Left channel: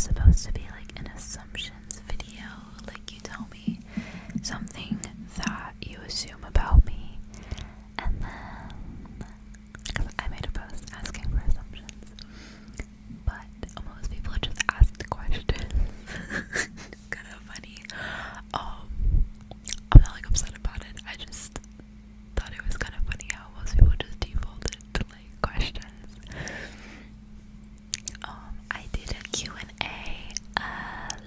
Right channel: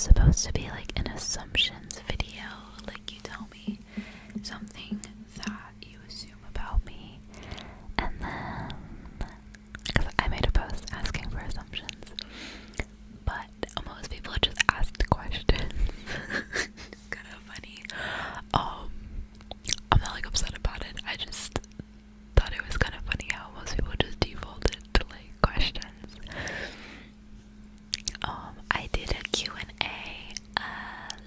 was supposed to be like an assumptions video, like you tell me something that you assume about me, and then, because I made a post asking for assumptions, but most people just asked questions. It's kind of funny. I'm not like upset about it, I just thought it was kind of funny how most people just defaulted to like questions. I did a Q&A a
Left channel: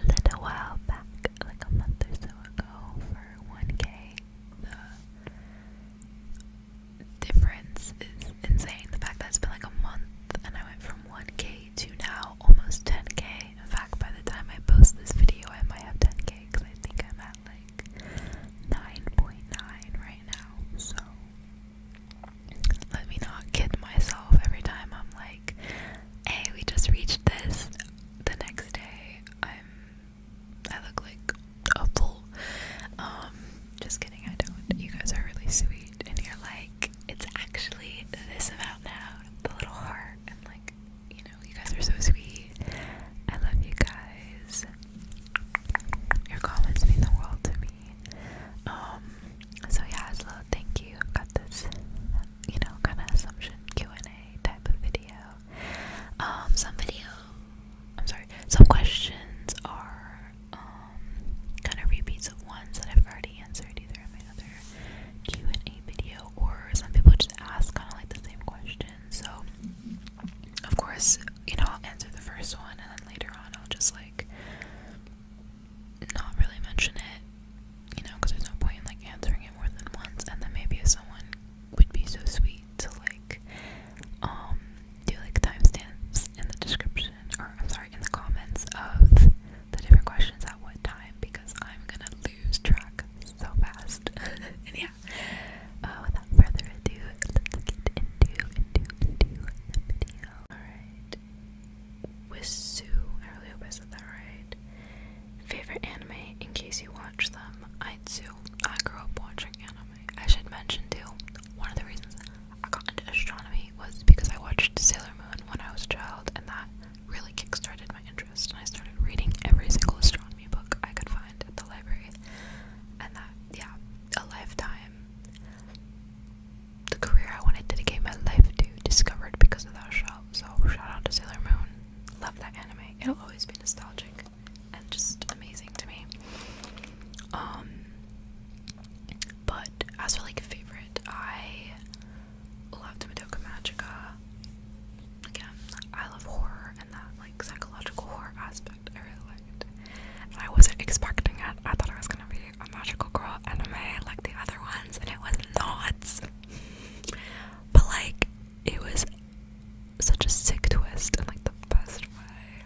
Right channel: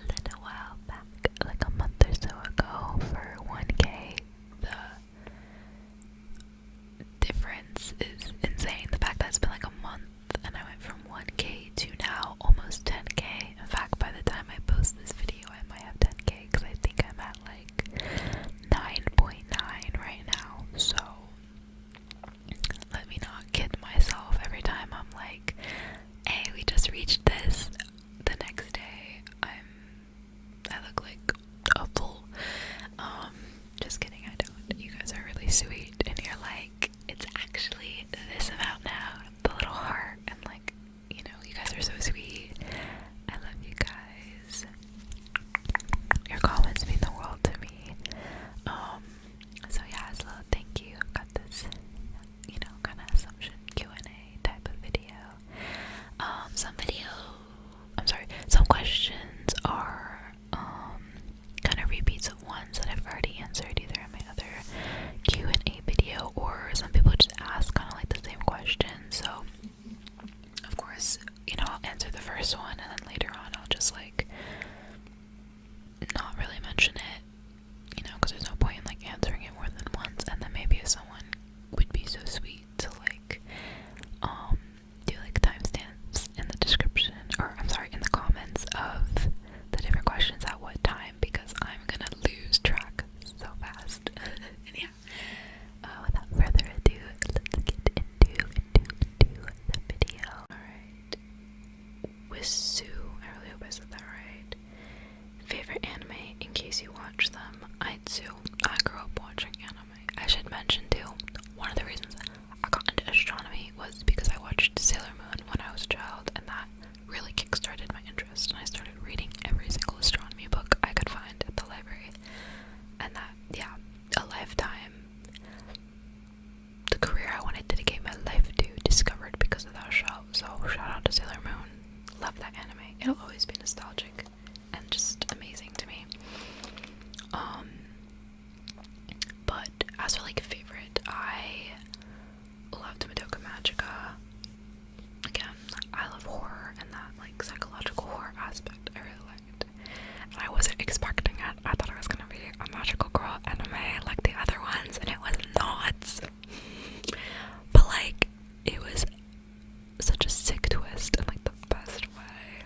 little while back, like a month or so ago, for 1K. The difference is insane. The fact that it's been like a month and I went from 1K to now almost 10K. In fact, by the time I post this video, I might have 10K because I think I'm at like 9.9 right now. So let me not kid myself every time I'm like, hey, we just reached this. The next day I look like a fool. Just kidding, I don't. You guys are really sweet and you're like, it's actually this amount now, the little heart, and like, you know, you guys are so sweet. I love you guys. Your comments mean the world to me. So yeah, so thank you. I've got this, you know, kind of assumption Q&A type of video. Some questions are kind of repeats of ones that I've already answered either in my other Q&A video, or some people just ask kind of like the same question. So of course, you know, I'll answer the first one and then later on I'll just like not really mention it, you know, because there's no point in like answering it more than once. And then maybe if someone would be so sweet to like do like timestamps in the description, or I'm sorry, in the comments of the different questions at what time, because I'm gonna lose track so fast. And yeah, without further ado, let's get into the video. Alright, Wisu, I really hope I said that right. Favorite anime, in case you watch them. I grew up watching anime. I should mention too, one of the reasons I got into astronomy was because I watched Sailor Moon when I was a child, and that really kickstarted my interest, and I started reading every single astronomy book I could find at the library. And that, yeah, a lifetime, the career I wanted to dedicate my life to, discovered because of that show. So shout out to Sailor Moon. Love that anime. It'll always be nostalgic and just amazing to me. But as for like favorite, I loved Madoka Magica. Again, I love horror, and that like psychological horror aspect I really liked. And I wasn't expecting it. I thought it was gonna be a magical girl anime like the other ones, and it was not. But like, it was such a sick twist in like the best way.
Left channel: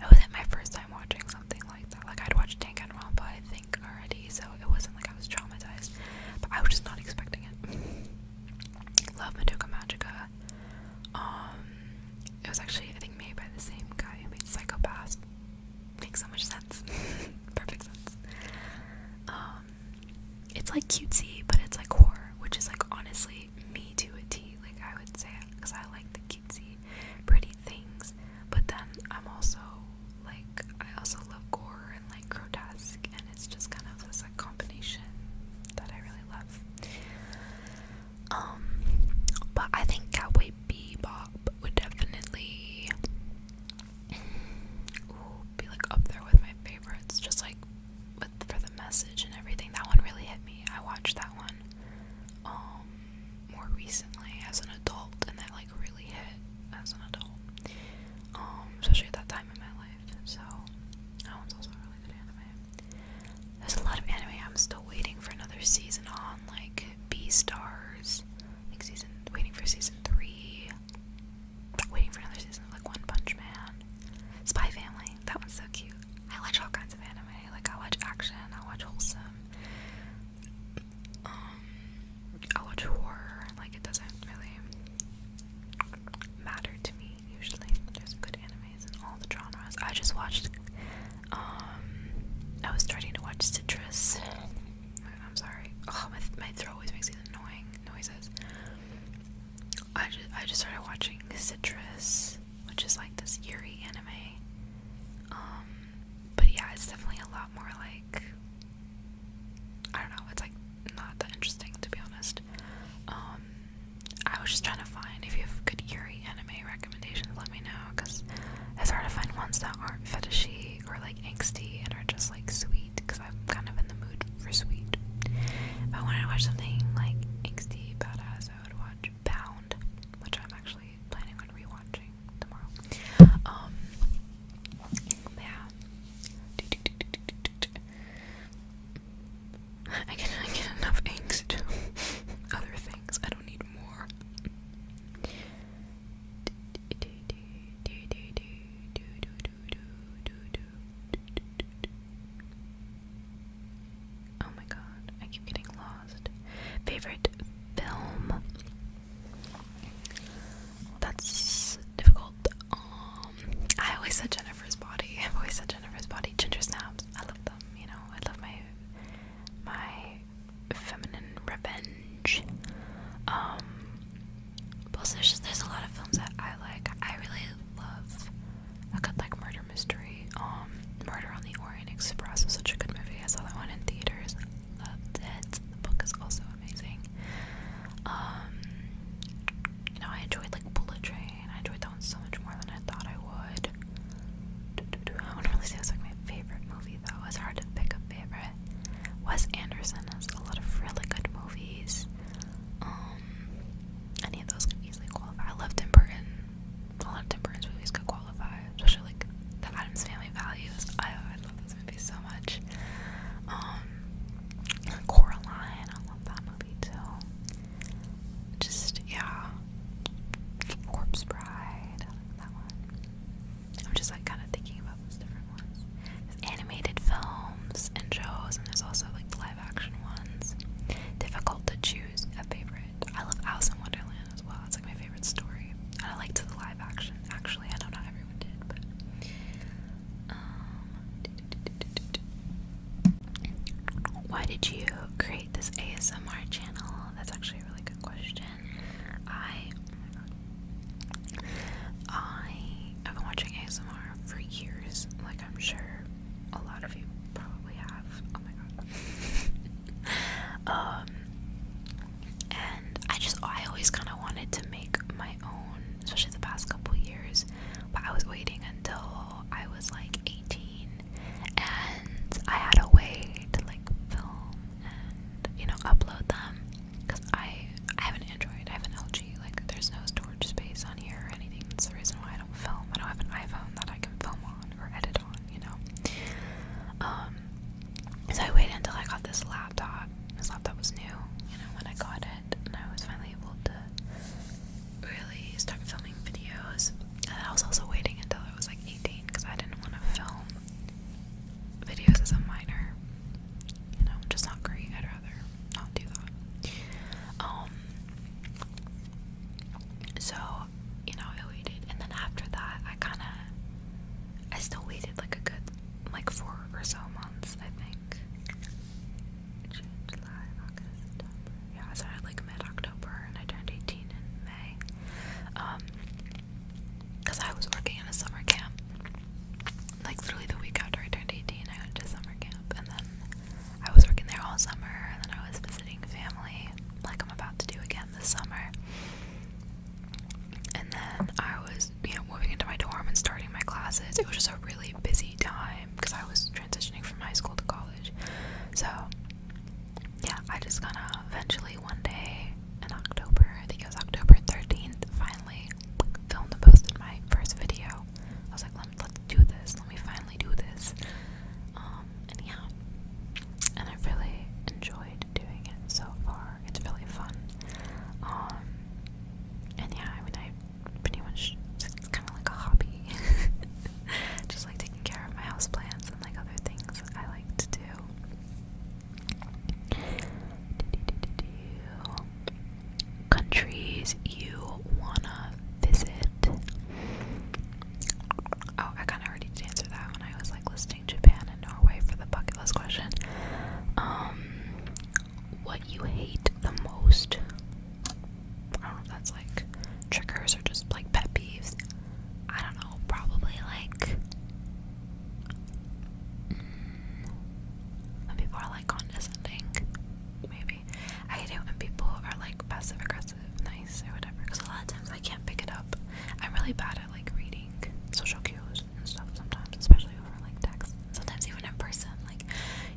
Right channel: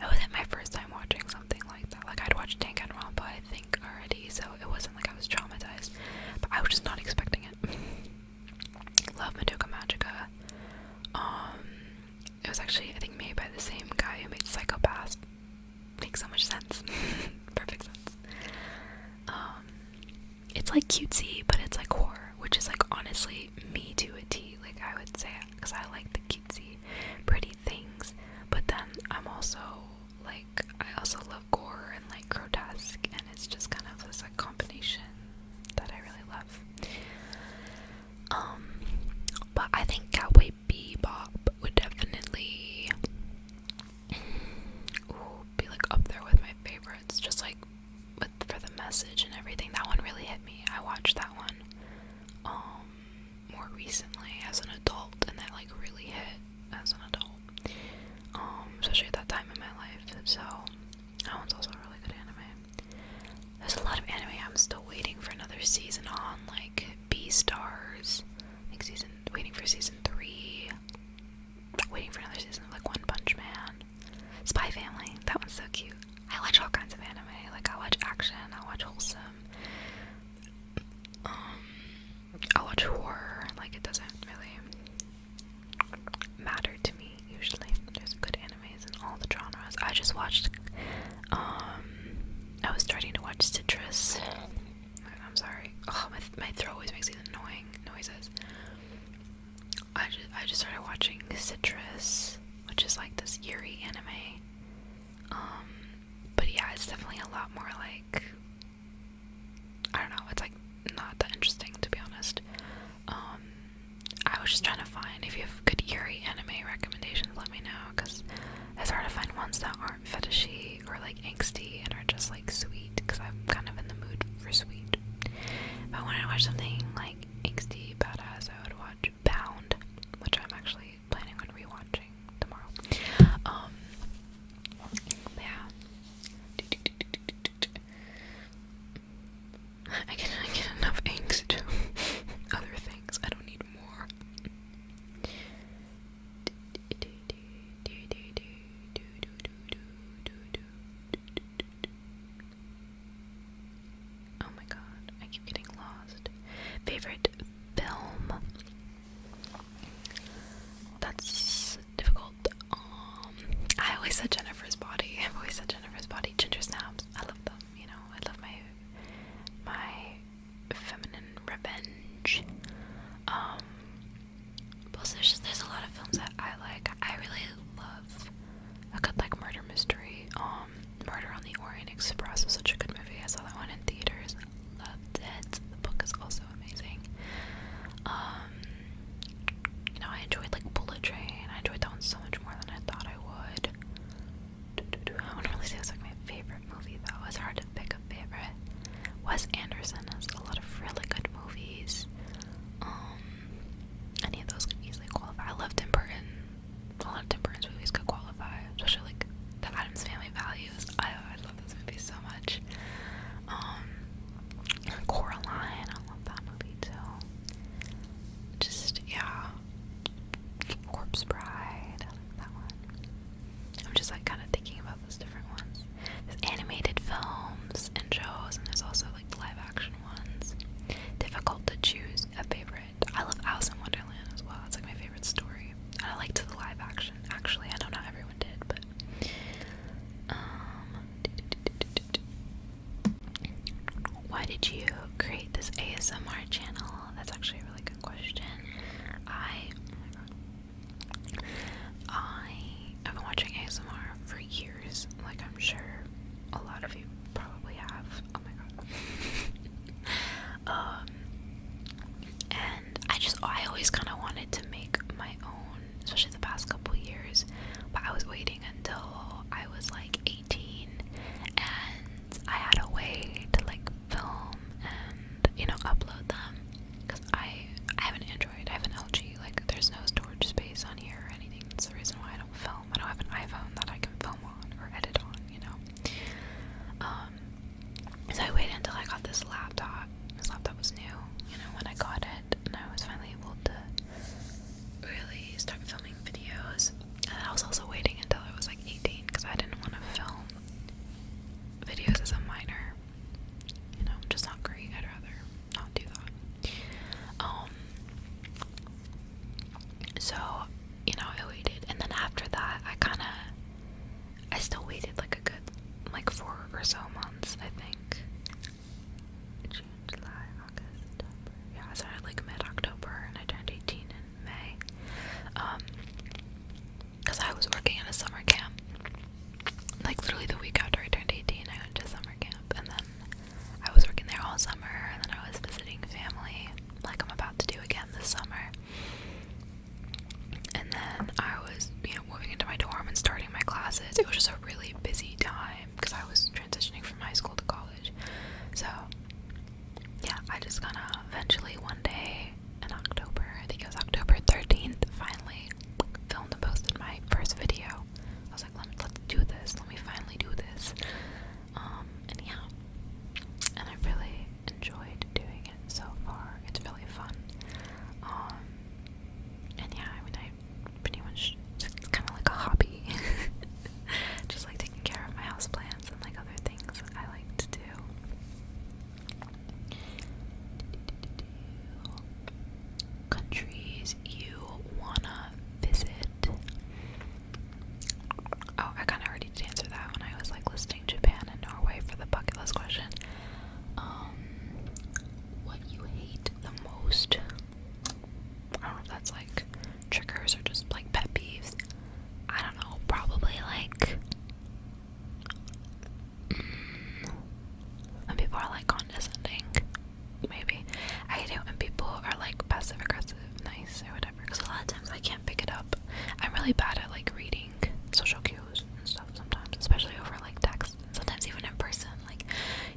It wasn't my first time watching something like that. Like, I'd watched Danganronpa, I think, already, so it wasn't like I was traumatized, but I was just not expecting it. Love Madoka Magica. It was actually, I think, made by the same guy who made Psycho-Pass. Makes so much sense. Perfect sense. It's like cutesy, but it's like horror, which is like honestly me to a T. Like, I would say, because I like the cutesy, pretty things, but then I'm also like, I also love gore and like grotesque, and it's just kind of this like combination that I really love. But I think Cowboy Bebop would definitely be like up there with my favorites, just like for the message and everything. That one really hit me. I watched that one more recently as an adult, and that like really hit as an adult, especially at that time in my life. So that one's also a really good anime. There's a lot of anime I'm still waiting for another season on, like Beastars, like waiting for season 3, waiting for another season of like One Punch Man, Spy Family. That one's so cute. I watch all kinds of anime. Like, I watch action, I watch wholesome, I watch horror. Like, it doesn't really matter to me usually. There's good animes in all the genres. I just watched I was starting to watch Citrus. I'm sorry. Oh, my throat always makes these annoying noises. I just started watching Citrus, which is like this Yuri anime. But yeah, it's definitely a lot more like, I don't know, it's like not that interesting, to be honest. I was just trying to find, if you have good Yuri anime recommendations, let me know, because it's hard to find ones that aren't fetishy or like angsty and are just like sweet, because I'm kind of in the mood for sweet. If I wanted to watch something like angsty, badass, I would watch Bound, which I'm actually planning on rewatching tomorrow. Yeah. I get enough angst. Other things, I don't need more. Oh my god, I keep getting lost. Favorite film? That's difficult. I always said Jennifer's Body. I've always said Jennifer's Body. Ginger Snaps. I love them. You know, I love my feminine revenge. Plus there's a lot of films that I like. I really love a good like murder mystery. Murder on the Orient Express was such a good movie. I saw that one in theaters. Loved it. The book is also amazing. You know, I enjoyed like Bullet Train. I enjoyed that one so much more than I thought I would. I wouldn't really say it was like my favorite movie though. It's hard to pick a favorite. Wes Anderson has a lot of really good movies. Any of those could easily qualify. I love Tim Burton. A lot of Tim Burton's movies could qualify, especially like the Addams Family Values. I love those movies so much. Coraline, I love that movie too. Just, yeah. Corpse Bride, I like that one. I'm just like kind of thinking about those different ones. There's animated films and shows, and there's also like live action ones. Difficult to choose a favorite. I love Alice in Wonderland as well. It's like my favorite story. And I liked the live action. Actually, I know not everyone did, but why did you create this ASMR channel? That's actually a really good question. I've been watching ASMR for years. Like, I'm sure a lot of you probably have. Oh my god. And I always kind of wanted to make my own, especially the past couple years, but I was waiting until I was like 18 and I had a way to like film and, you know, upload them, because I have an Android, I have an LG, like there's no storage space on here or anything. That's the reason why I don't film. I don't have an iPhone that I can film on or edit on, you know. So I waited until I got this laptop. This laptop was new, you know, when I got it, and I was finally able to really start filming videos. And I was also waiting until I was like 18 because I didn't want to film videos as a minor. You know, just not great. I'd rather not do that. So, you know, I waited, and then after that, I still waited like a good, like 4 or so months, I think. June, July, August, September. Yeah, I started like mid-October, and I turned 18 in May. Because I was working at a summer camp. Like, literally the week after I turned 18, I went to summer camp, and then I was working there all summer, and then I was visiting family, like I'm about to do again this summer. And then I was, you know, moving into my dorm and starting my classes. It was just a really busy time because I was transitioning from high school to college. So, yeah, I just kind of eventually one day in October, I think it was October 13th, finally filmed and posted my first video. I was like, let's do this. Let me finally do this. And yeah, and I've really enjoyed doing it so far. It's really fun. And yeah, I mean, I pretty much, it's kind of like a hobby. Just like taking care of my houseplants and like other things I like to do. Countries you wanna visit. Oh, I kind of already did answer that when I was like listing Japan and Norway for the bucket list question. What you hate the most? I don't know if that's like triggers or just like pet peeves. I don't know, probably like really bad at like reading social cues and stuff sometimes, especially over like text. Sometimes even in person, like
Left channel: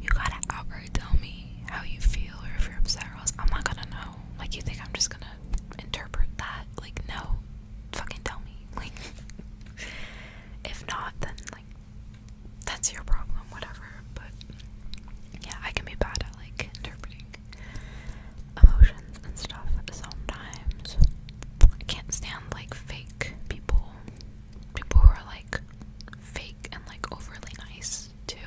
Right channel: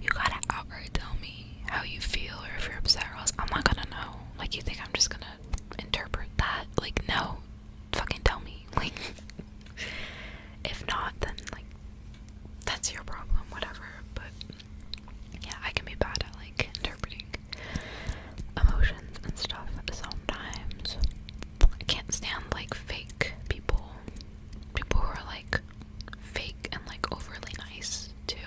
you gotta outright tell me how you feel or if you're upset, or else I'm not gonna know. Like, you think I'm just gonna interpret that? Like, no, fucking tell me. Like, if not, then like that's your problem, whatever. But yeah, I can be bad at like interpreting emotions and stuff sometimes. I can't stand like fake people who are like fake and like overly nice too.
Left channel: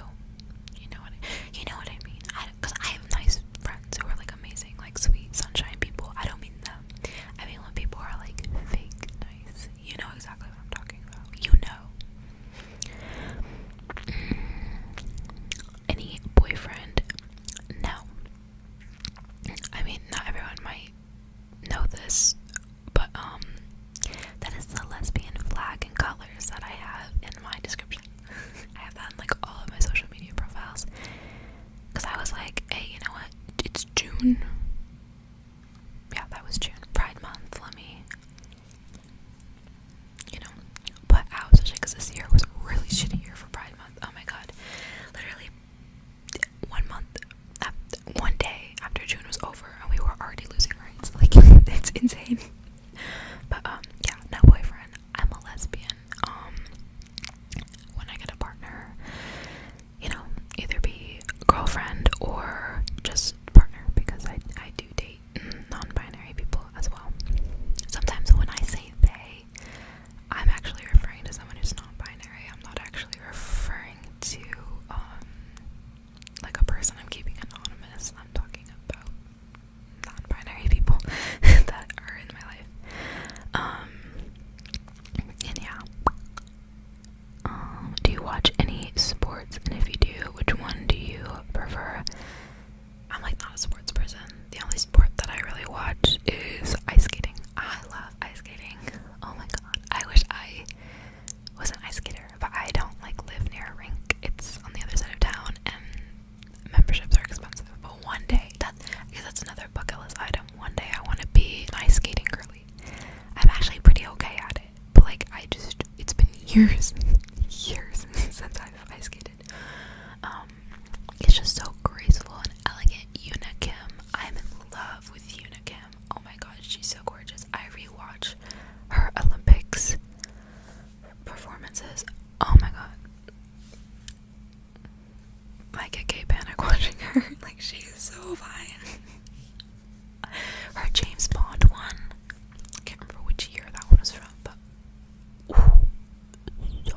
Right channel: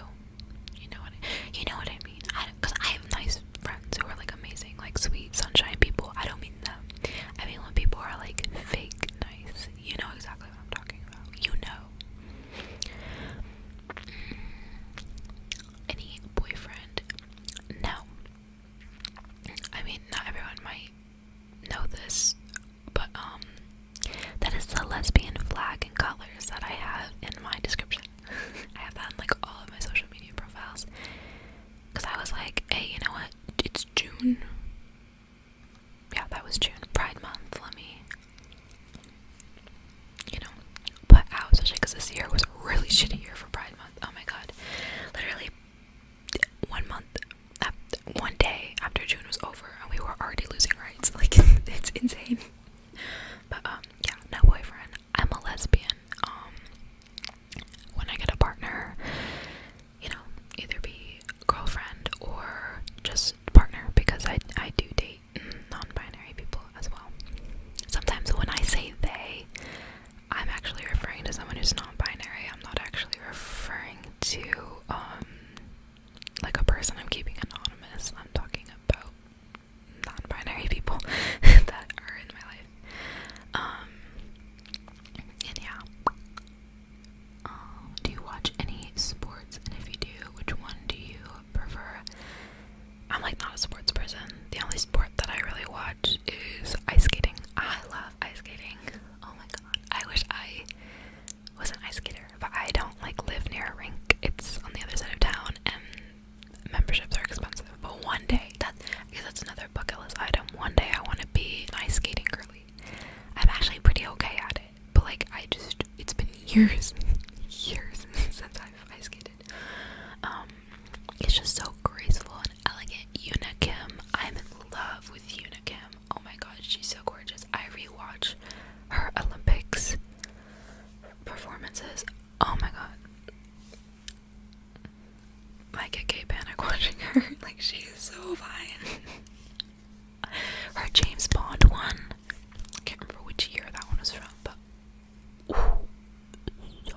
You know what I mean? Because I have nice friends who are like amazing, like sweet sunshine people. I don't mean them. I mean when people are like fake nice. You know exactly what I'm talking about. You know. Any boyfriend? No. I mean, not everyone might know this, but that is the lesbian flag and colors that I have in my description. I have that in like all of my social media profiles, because I was like, hey, you know what, it's June. Yeah, that was June, Pride Month. Let me, put out, especially because this year was a really shitty year for Pride Month. Oh my god, literally 1 month, one day after June was over, and we were already losing rights. Like, it's insane. But yeah, no boyfriend. I'm a lesbian. When I get a partner, either be girlfriend or just partner, because I do date non-binary people as well. Sometimes when I say they, I'm actually referring to someone who's non-binary. I'm not actually referring to like a person I'm keeping anonymous. I'm talking about non-binary people that are in my life. And yeah. Do you watch any sports? And if you do, which one do you prefer? I'm like not a sports person. The only sport that I really watch is ice skating. I love ice skating. Oh my god. I wish I was an ice skater, but I don't like live near a rink. It's on the other side of town, and memberships are expensive. But one day, that's another bucket list item. One day I want to be an ice skating girly. I'm actually pretty okay at it, but like it's been years since I've ice skated. It's just so graceful and elegant. Yuna Kim, I'm in love with Yuna Kim. Oh my god, she's so gorgeous. I rewatch her Olympics performances. Oh my god, I get gay panic watching her. Like, she is so fine. Her James Bond one, I can't remember which year that one was from, but ooh, so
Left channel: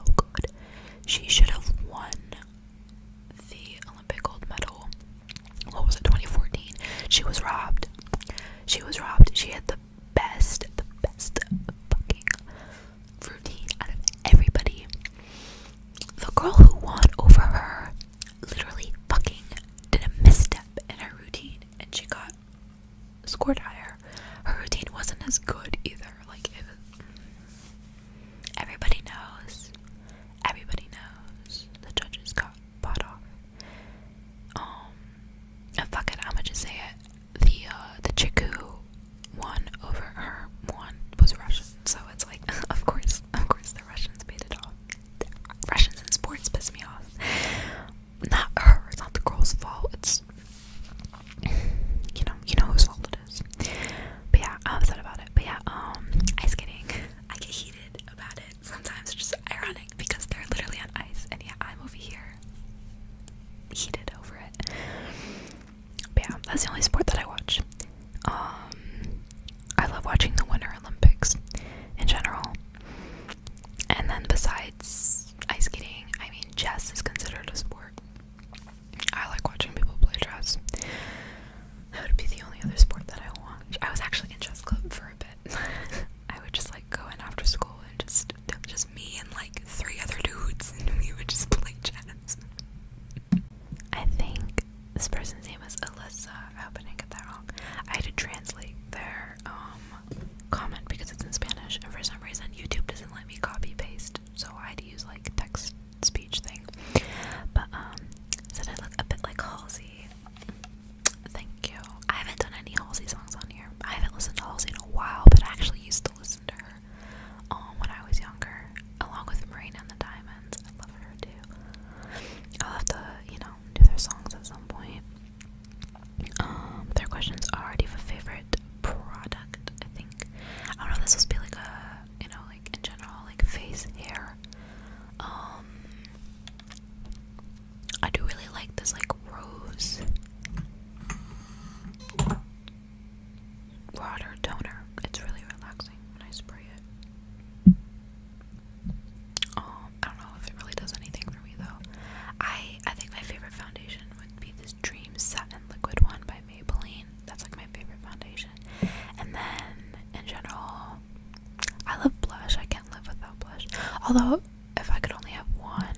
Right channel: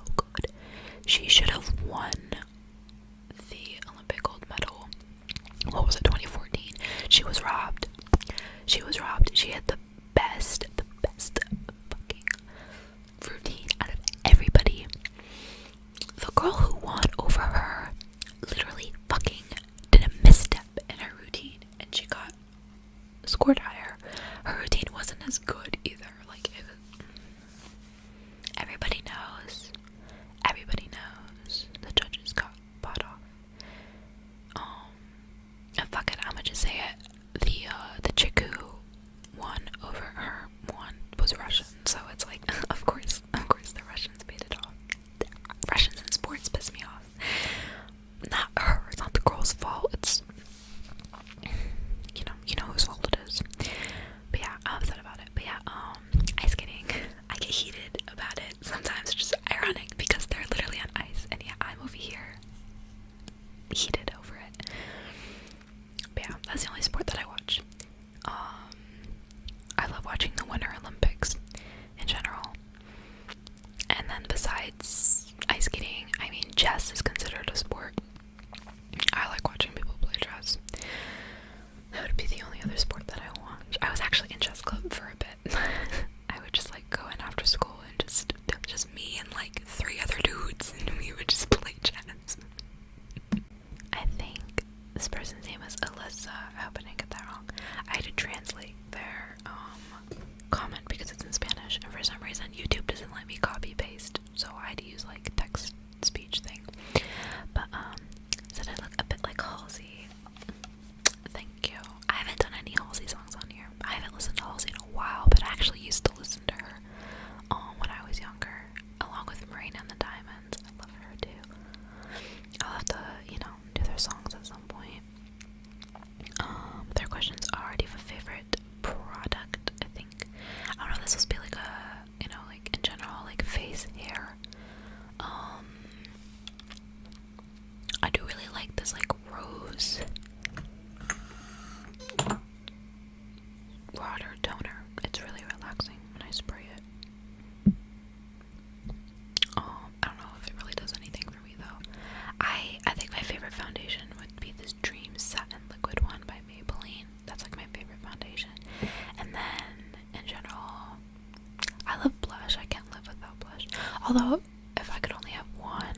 Although, if I could only have one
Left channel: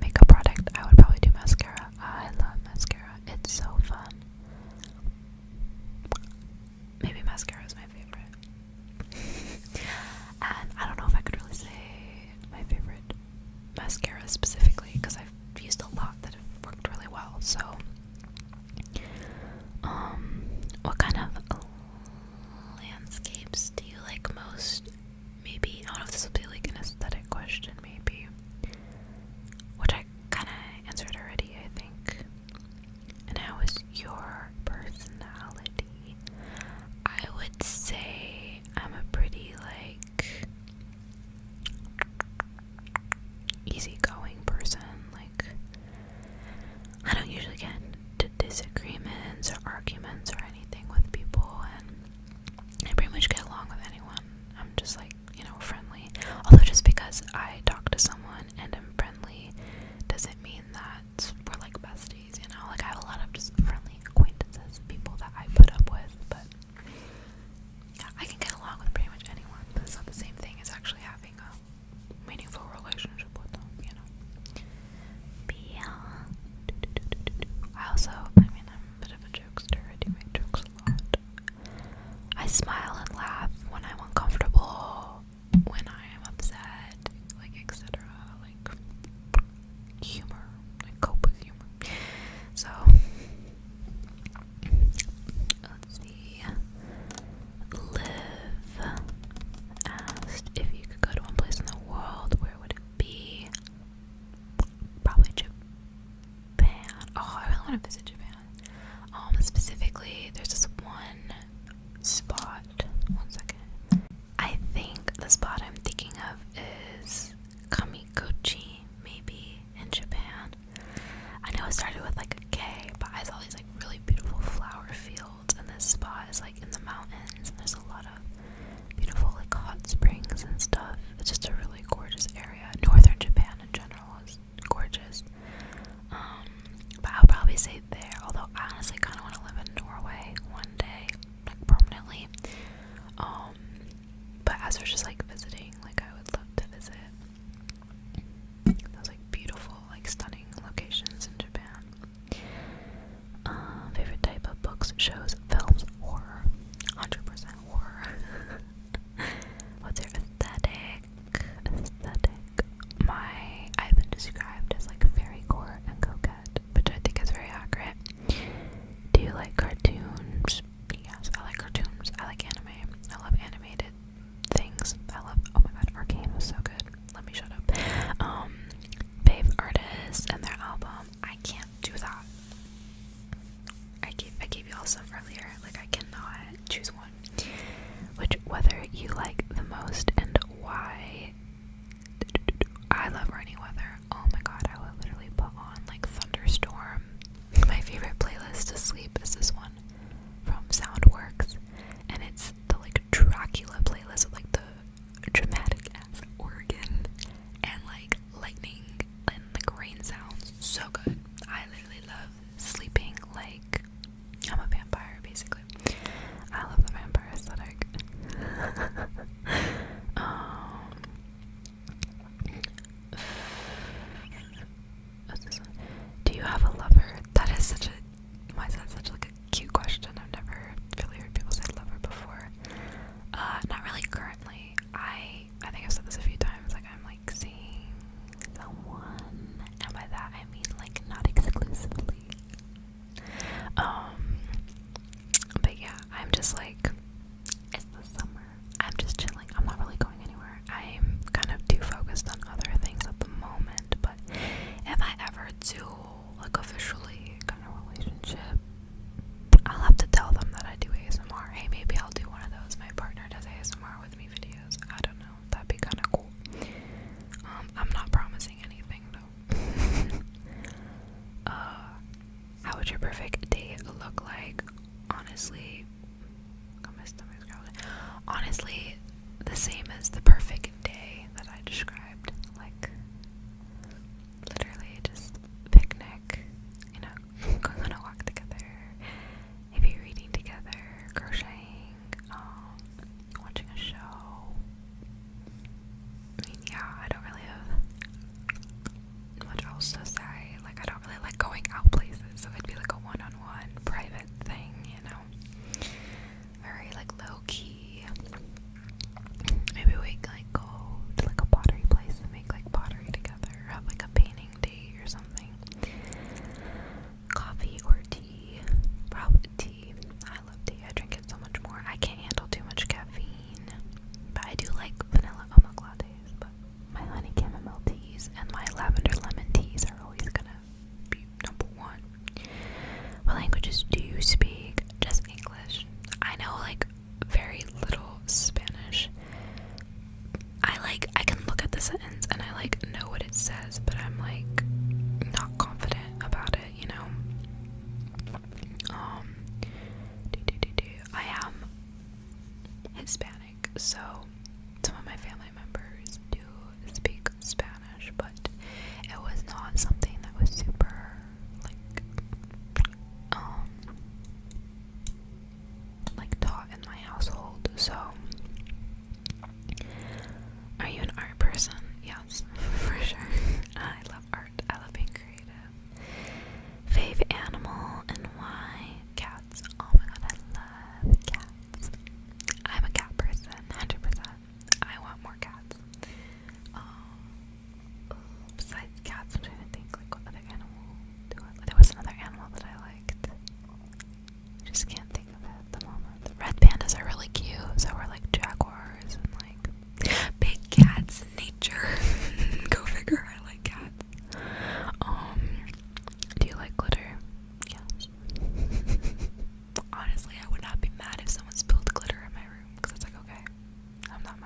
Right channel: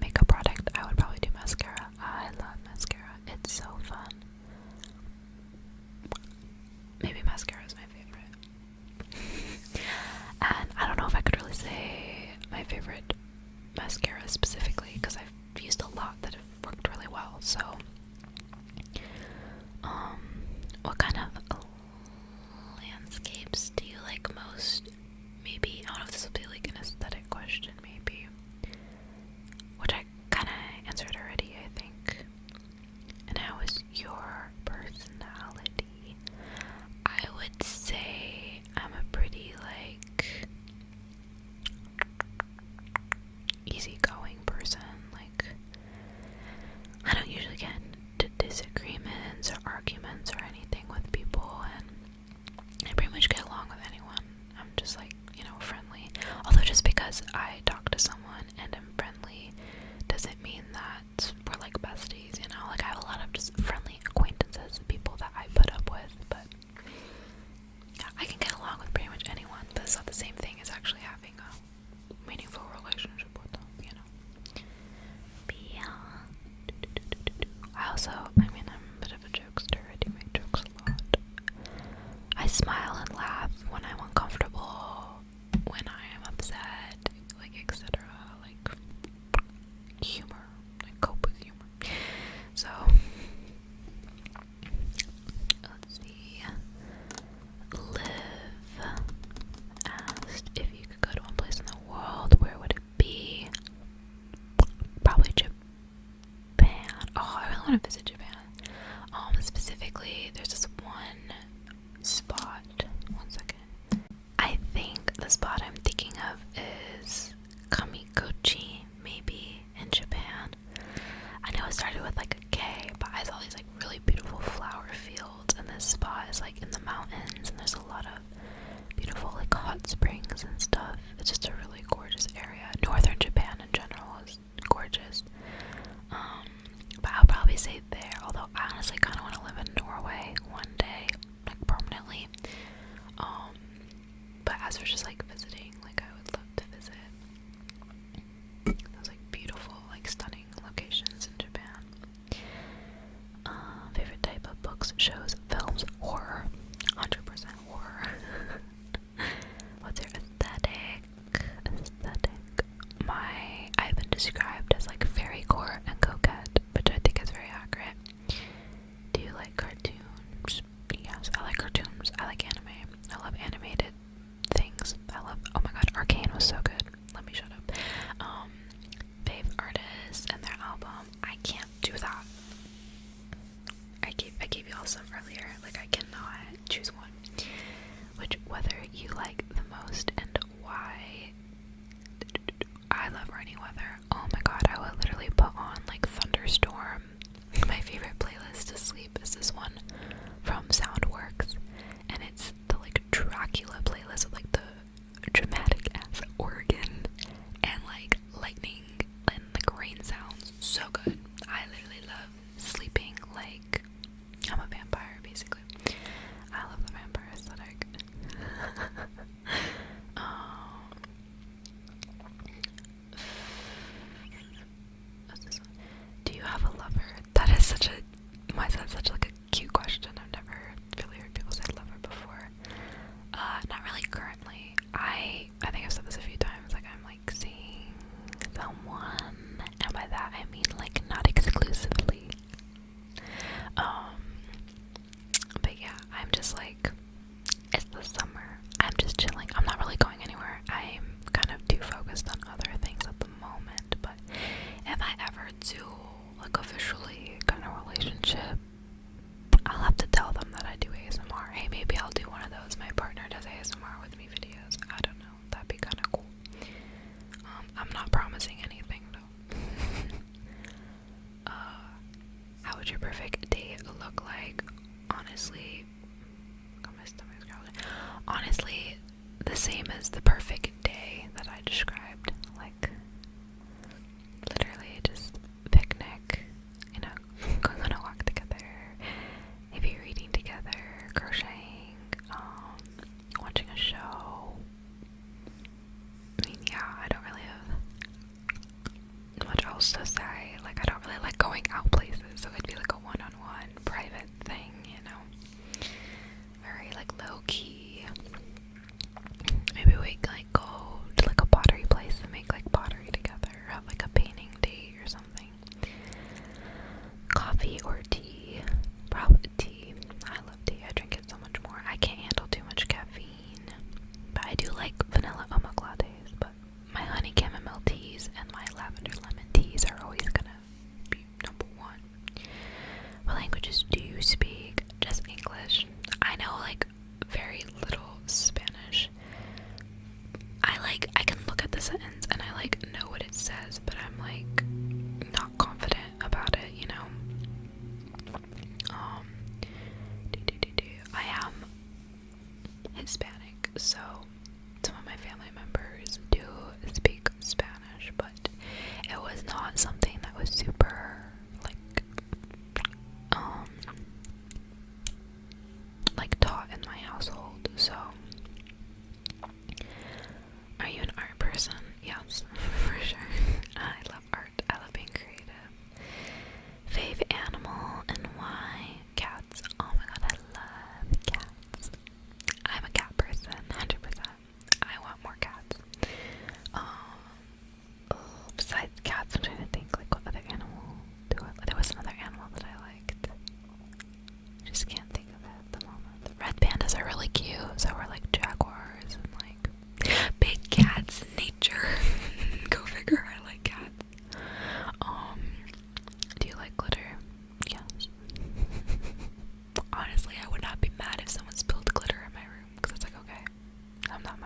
makeup product, I would probably do mascara. I love mascara. It's so fun. Maybe mascara is my favorite. And I don't know if I could really say my favorite mascara specifically, because I've used a lot that have worked really well. So, what kind of landscapes do you like most? Maybe, I don't know if this will be like an aesthetic question, maybe, which I kind of answered already, I think. And how is your personality? I would say I'm a pretty, like, easygoing person. Like, I don't usually get into disagreements or arguments or anything with people, and I pretty much get along with anyone. I'm just like, friendly. Although just because I talk to someone and I'm friendly doesn't mean that we're like besties, Like, I have a lot of just friendly acquaintances, people that I put up with, but yeah, I can get along with pretty much anyone, but it's not the same thing as actually having a meaningful relationship with them, But yeah. I'm a bit of a jokester. I do make jokes a lot. I smile and laugh when I'm uncomfortable, when I am upset, like, etc. Like, humor. I cope with humor. So, let's see. Liv asked if you could go to one place in the world, where would it be? Probably Japan. Oh, I really want to visit Japan. Specifically, there's this one spot. One second. I think the spot I'm thinking of is Kamikochi, maybe, in Japan. I know it started with like a K, but I saw these like really beautiful flower fields, and this spot is like in the mountains, and there's a lot of beautiful like hot springs and stuff. It's just a really gorgeous area. Northern Japan in general is gorgeous. But I'll probably say there, although I honestly kind of want to live in Norway one day, like permanently. But as for just like visiting, like, I would love to visit those like beautiful, like stunning locations in Japan. Favorite type of books, shows, films, horror. 100% horror. What's your aesthetic? I've been described as like fairycore and coquette, which I think is very accurate. Do you like cartoons? Yes, I like cartoons. I like anime. I love animated things. I love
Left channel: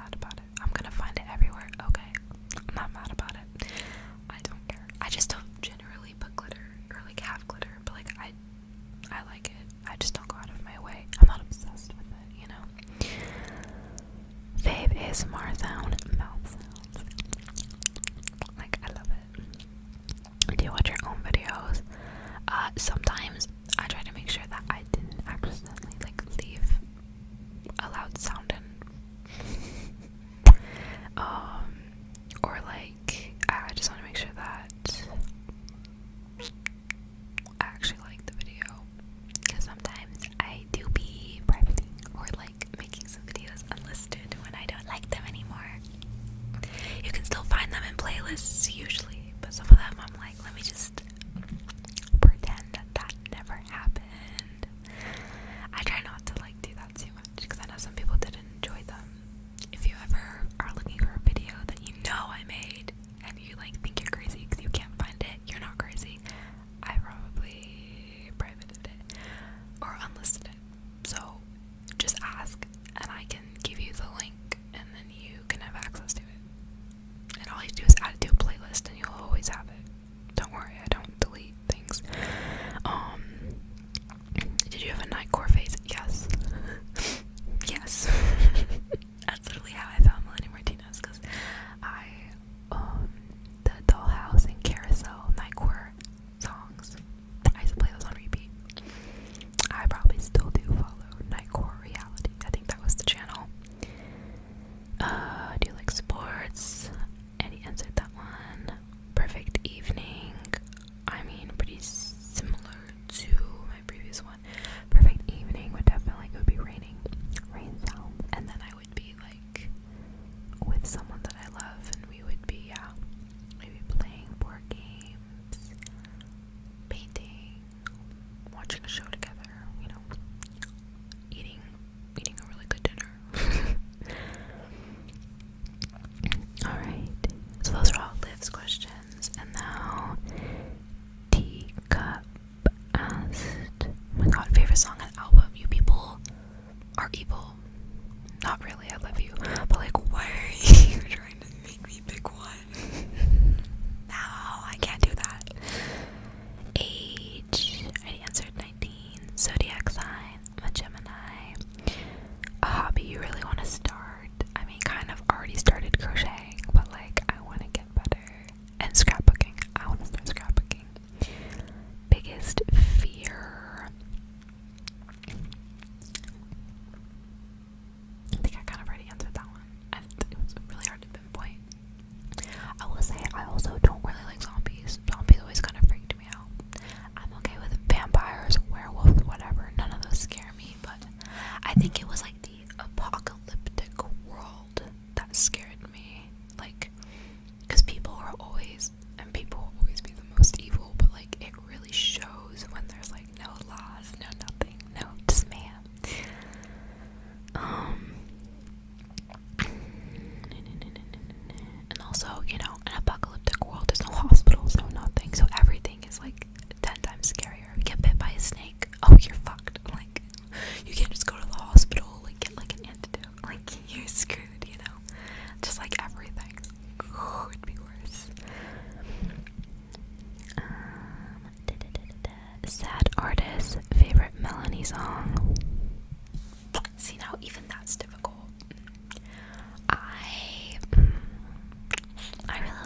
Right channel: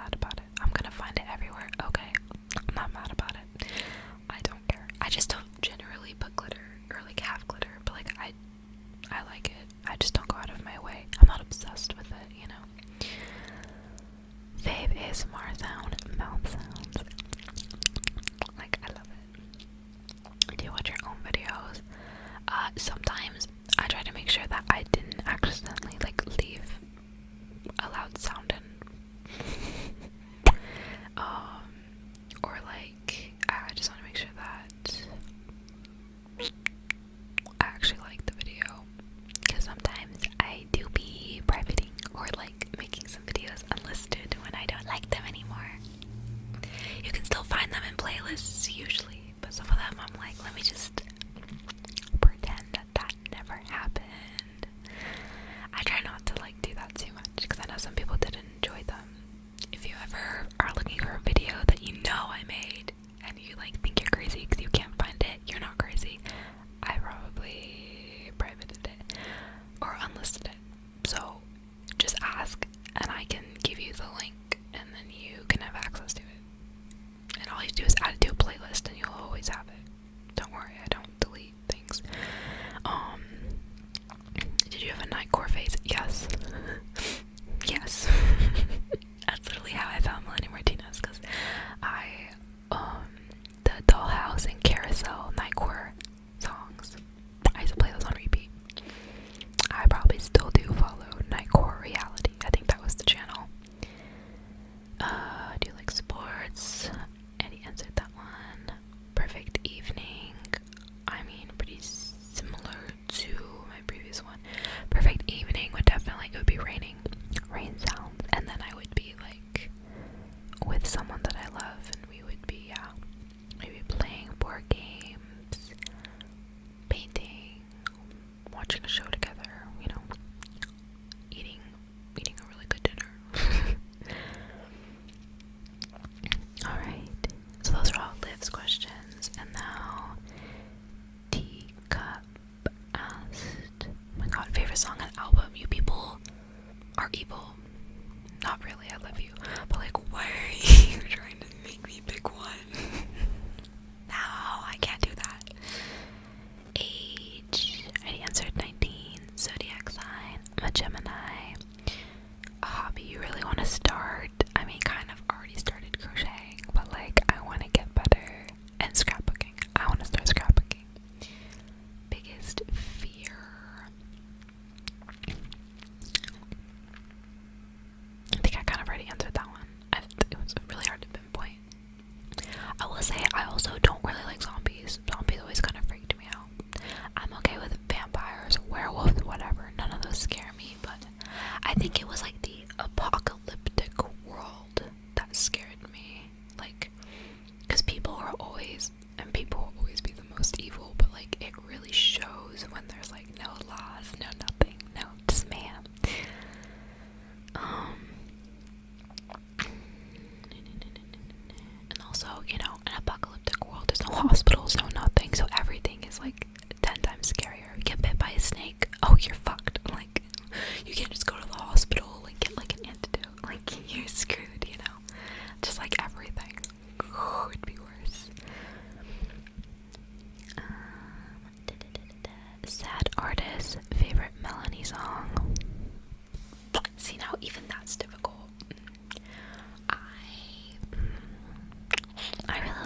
mad about it. I'm gonna find it everywhere. Okay, I'm not mad about it. I don't care. I just don't generally put glitter or like have glitter, but like I like it. I just don't go out of my way. I'm not obsessed with it, you know. Fave ASMR sound, mouth sounds. Like I love it. Do you watch your own videos? Sometimes I try to make sure that I didn't accidentally like leave a loud sound in. Or like I just want to make sure that I actually like the video, because sometimes I do be privating or like making some videos unlisted when I don't like them anymore. You can still find them in playlists usually, but some of them I'm like, let me just pretend that never happened. I try not to like do that too much, because I know some people didn't enjoy them. If you ever are looking for a video that you know I made and you like think you're crazy because you can't find it, you're not crazy. I probably privated it or unlisted it. So just ask and I can give you the link and then you can have access to it. And all you do is add it to a playlist and you'll always have it. Don't worry, I don't delete things. Did you have a nightcore phase? Yes. Yes. That's literally how I found Melanie Martinez, because the Dollhouse and Carousel nightcore songs, I used to play those on repeat. I probably still do follow Nightcore Reality. I think that was the channel. Do you like sports? And he answered that one. Perfect Evening. I mean, pretty similar to my previous one. Perfect Evening would definitely, it would be raining. Rain sounds. And then I would be like with someone that I love and we would be, maybe playing board games, painting, watching a show together, you know, eating a really good dinner. Alright, so those are all Liv's questions, and now Teacup asked, oh my god, favorite song and album. You people are evil. Not really, I love you, but like, why are you trying to make me pick one? No, I can't do that. Age, I answered 19. Zodiac sign, I'm a Gemini. A hobby you really want to start? I mean, kind of already started crocheting, but like, I want to get better. And scrapbooking, I want to start scrapbooking. Biggest fear, I think I kind of already answered that one. It was really hard to pinpoint. I will say I also don't really like zombies. Zombies always kind of freaked me out. I'm okay with vampires, werewolves, whatever. None of those scare me, but I think it was like the apocalyptic world that scared me. Like, because people will always be the most evil, but like it really shows when there's like no laws, no nothing, no just man. And also, you know, an apocalyptic world, there's no hospitals, no nothing, so everything is like 10 times scarier. You get bit by a snake, oh, you're fucked. Like, you can't just go to the hospital and get like an antidote. Like, you're screwed, you know? Just like everything could be worse. Sad artist, favorite Melanie song. See, now even that's difficult. I really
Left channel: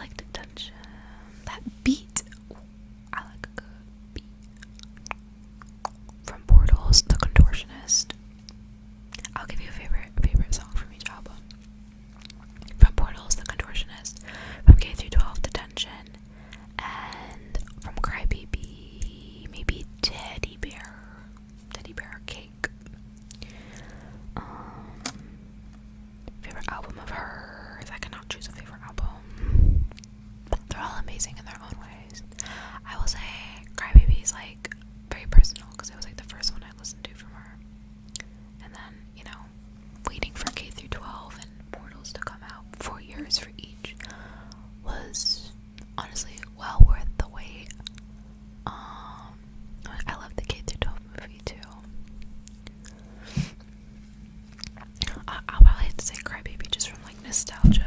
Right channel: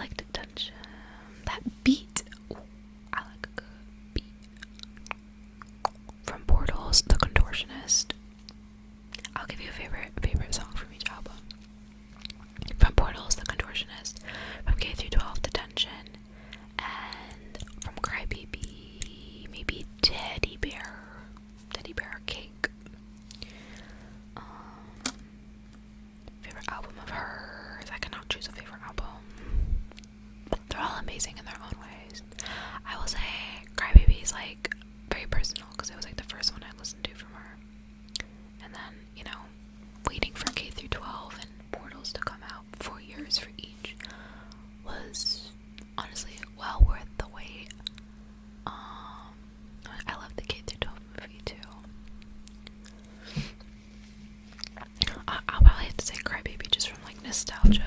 nostalgia's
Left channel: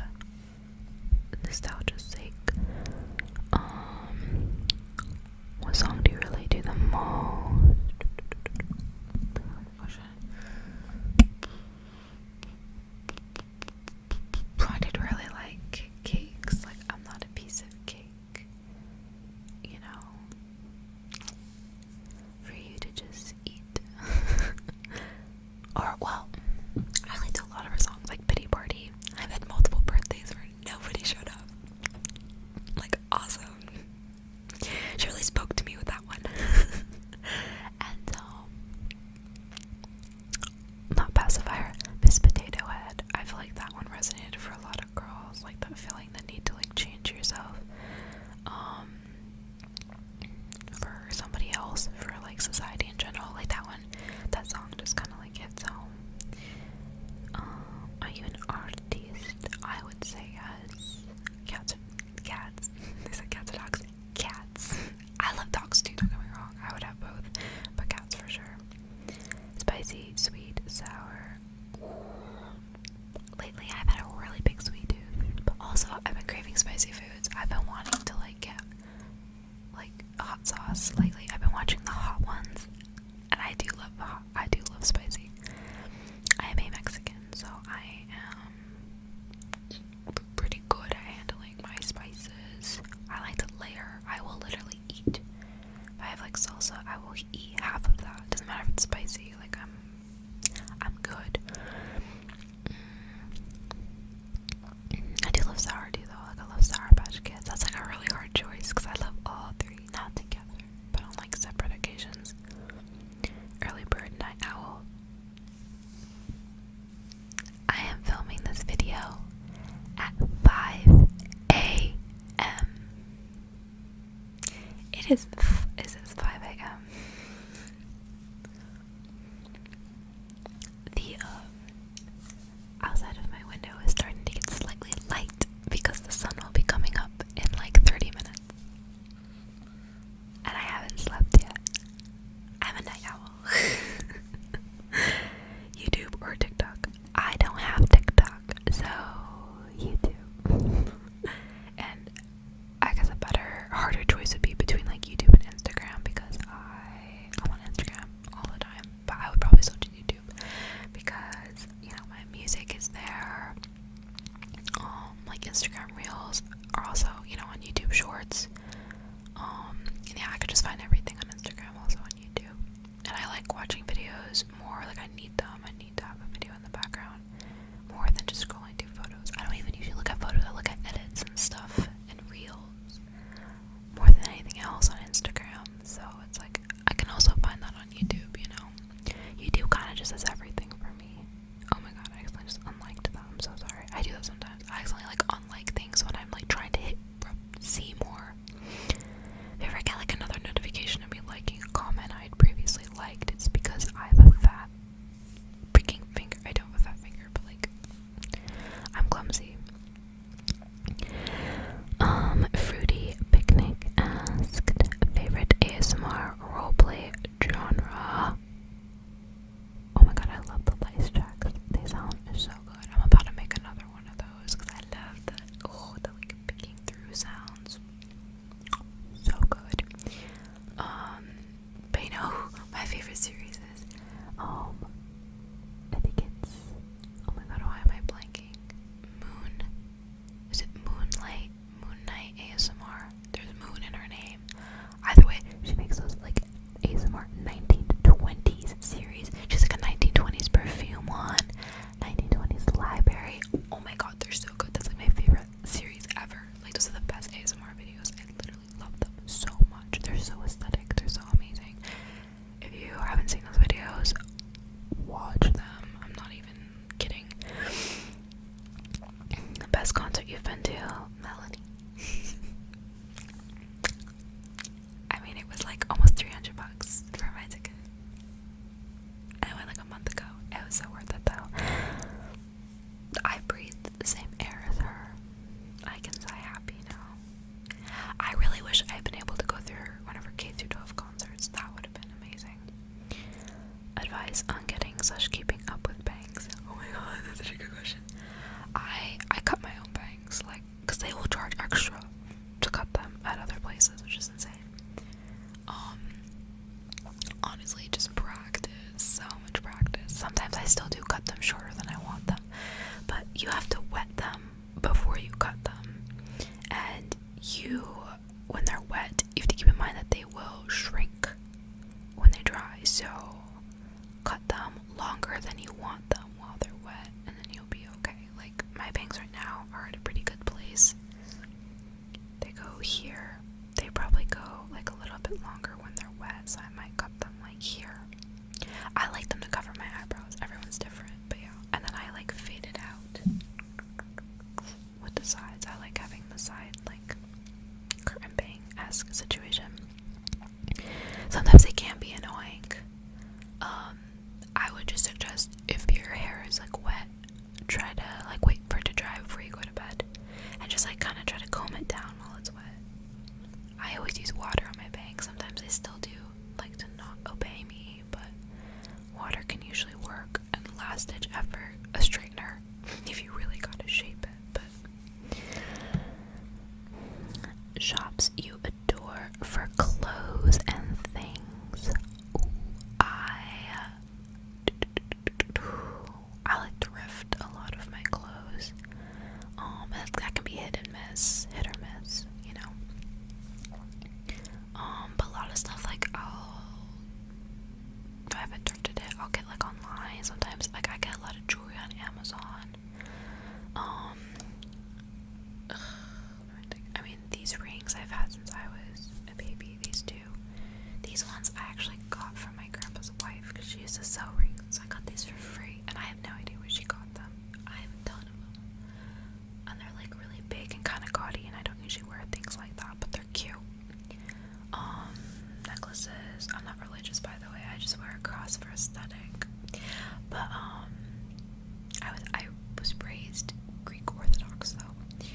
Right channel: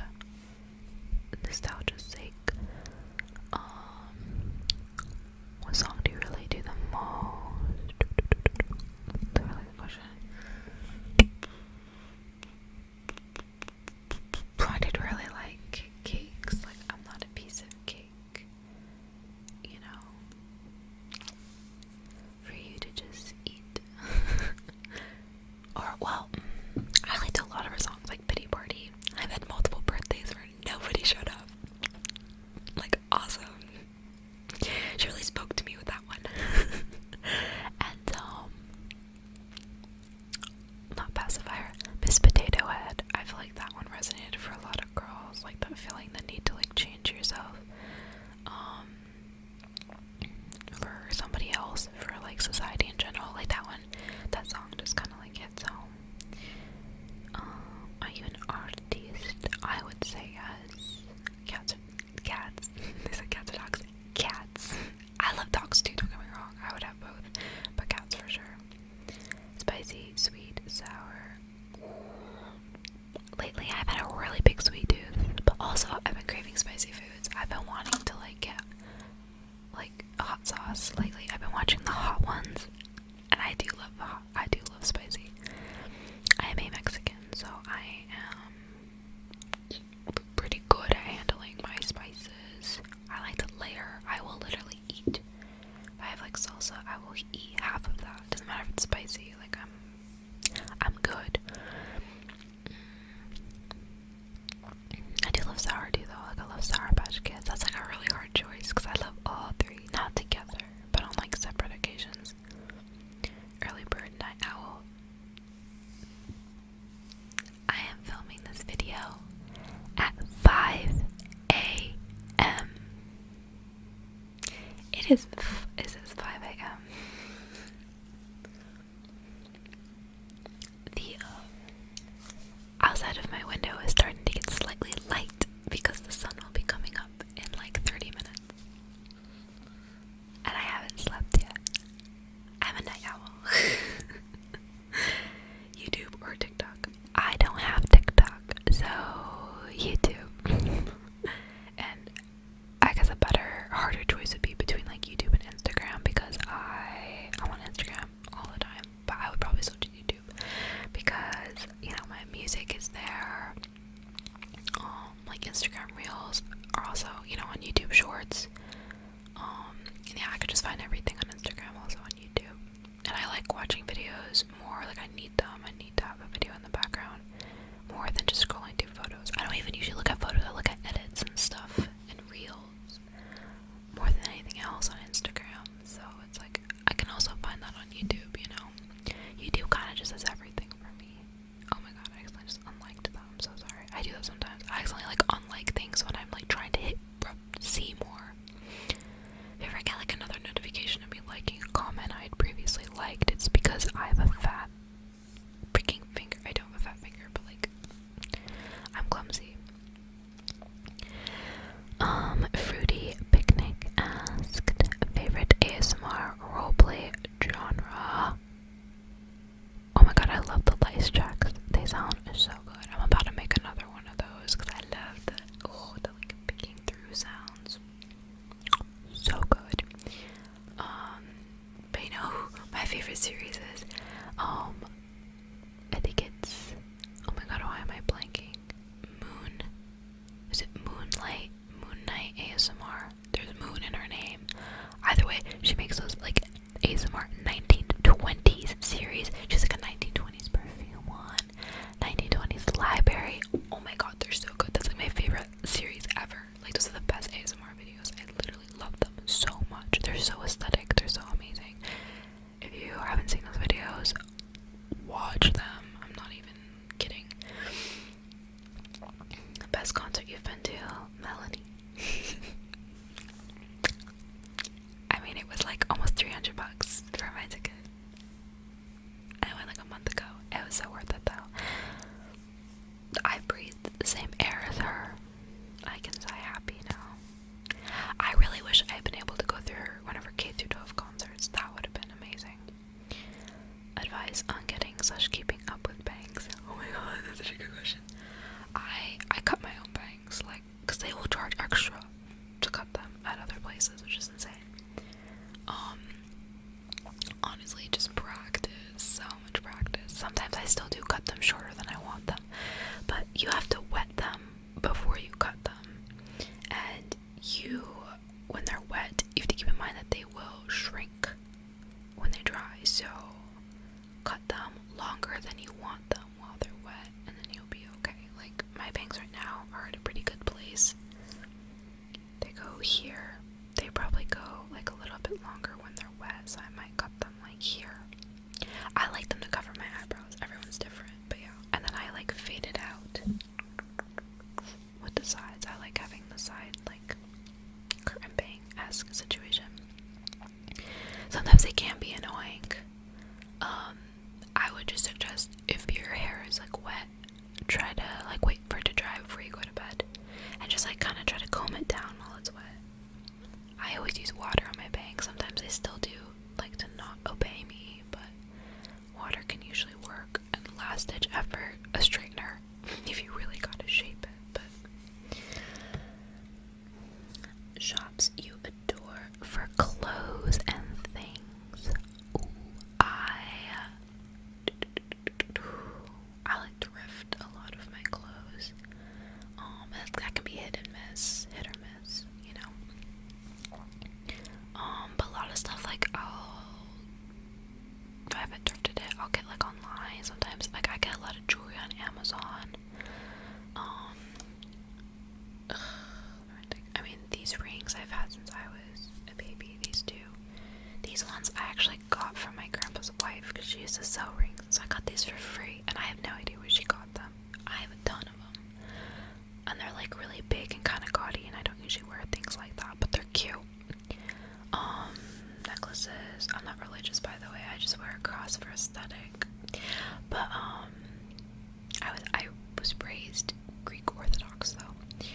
sake. What song do you relate to the most? That's a really good question. I did really like cakes. Like, I'm not a piece of cake, you know, for you to just eat. Or, well, I liked a lot of her songs, like Pity Party. I've had multiple birthdays where nobody showed up. Like, awesome. She really spoke to me with that one. And, not Pacifier, Miss Potato Head. I feel like that one resonated for a lot of girls, like that feeling the need to like change yourself, for somebody else, for like society in general. Like that song just kind of like hits home. Are you an artist? I would say yes. Cats. They said cats or dogs. Cats. I love dogs too, don't get me wrong. I would have both, but cats for sure. Spicy, sweet, sour. Lately I've had a really big sweet tooth, but also I've been craving spicy foods. I've been wanting to like get like hot sauce lately. I've been watching the hot ones, and I do love spicy. I am a Mexican, so I am pretty good at handling my spices. I like to layer. I will literally eat. If I have like salsa, I will eat half of that. Doesn't matter if it's spicy. Like I'm good. I do love sour too, though. Like I love Sour Patch Kids. That's like a really hard choice because I love all three, not together, but on like separate occasions. Early bird, night owl. I am filming this video at 5 a.m. It says 5 a.m. The outside of my window is starting to get slightly light because the sun will be coming up in like 30 minutes. And I haven't slept yet. I'm a night owl. YouTube or TikTok? I don't have TikTok, so YouTube. And I guess a harder choice would be between like YouTube and Instagram because I'm on Instagram all the time, but I would probably still do YouTube because, you know, my music is there. Like Instagram Reels are also, you know, on YouTube Shorts. And yeah, I could just find everything on Instagram, also on YouTube. And I like watching videos more, like I need them. I need to have a video in the background more than just scrolling through photos. I don't even usually look at photos, I look at edits and stuff and Reels more than anything else on Instagram. So it's like, I can also find that on YouTube, you know. YouTube kind of just does everything for me. Oh my god, I accidentally just unliked that. I'm so sorry. I do that sometimes. I accidentally like unlike things when I'm like trying to see more. If you ever get like another notification of me liking a comment I had previously liked, it's because I have a fat freaking finger. I don't have a fat finger, but like I'm clumsy. Fruity Picnic asked favorite ASMR roleplay genre. Oh my god, I love the lice tracks. They sound so good. I'm about to make another one of those because I love the like picking through sounds. So good. But you know, my favorite series is, I think it's, oh my god, why am I blanking? Is it Moon Knight ASMR? There's Moon in her name. Either way, she makes those like ASMR 1920s series. She's like a 1920s perfume one, 1920s library. Oh my god, they're so good. That's like my favorite series ever. Like those are the best ASMR videos. I literally love them so much. They're so aesthetic. They're so amazing. If you haven't seen those videos, watch them. I'm not even kidding. The best concert you've been to, Melanie? I mean, it was like almost $300 for my ticket. I went like a month ago. It was so worth it though. I breathed the same air as her. I can sigh happy now. I really wish I had been able to go through one of her K-12 concerts. That would have been amazing. Advice on getting/keeping up with bangs. Oh my god, that's such a good question. I shops you adore for clothes and things. Ooh, I like to thrift a lot of my clothes. That can be hit or miss, you know. But a lot of stuff, like, if I haven't thrifted it, I'll get like online. Sometimes, like, I get a lot of jewelry on Amazon. I mean, these rings I've had since I was a baby. These ones I actually got from my grandpa's wife because she used to sell rings. So I got these for free, and I have no idea where she got them. I have a ton of them, and they're like really big and kind of gaudy, and I don't usually wear things like that, but they're cute. Necklaces. I'm not religious, by the way. I just wear a cross for aesthetic. But I was raised Greek Orthodox, though.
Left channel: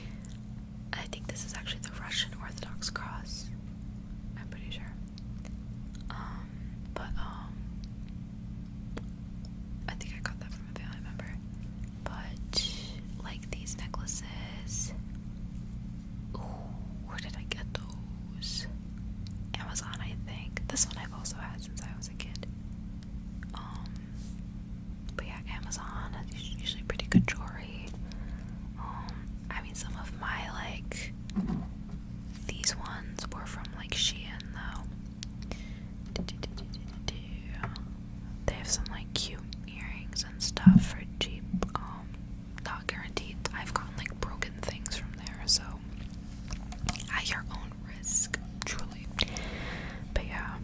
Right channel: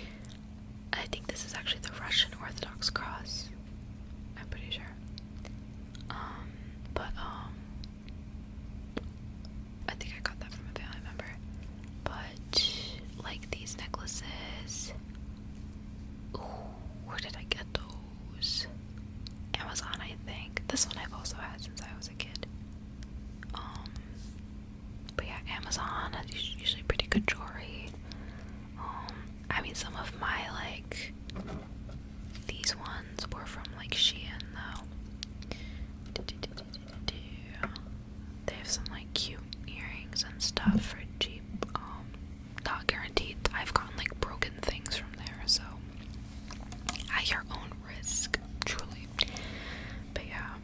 I think this is actually the Russian Orthodox cross. I'm pretty sure. I think I got that from a family member. But like these necklaces. Ooh, where did I get those? Amazon, I think. This one I've also had since I was a kid. But yeah, Amazon has usually pretty good jewelry. I mean, some of my, like, these ones were from, like, Shein, though. They have some, like, cute earrings and stuff for cheap. Not guaranteed. I've gotten, like, broken things from there, so at your own risk, truly. But yeah.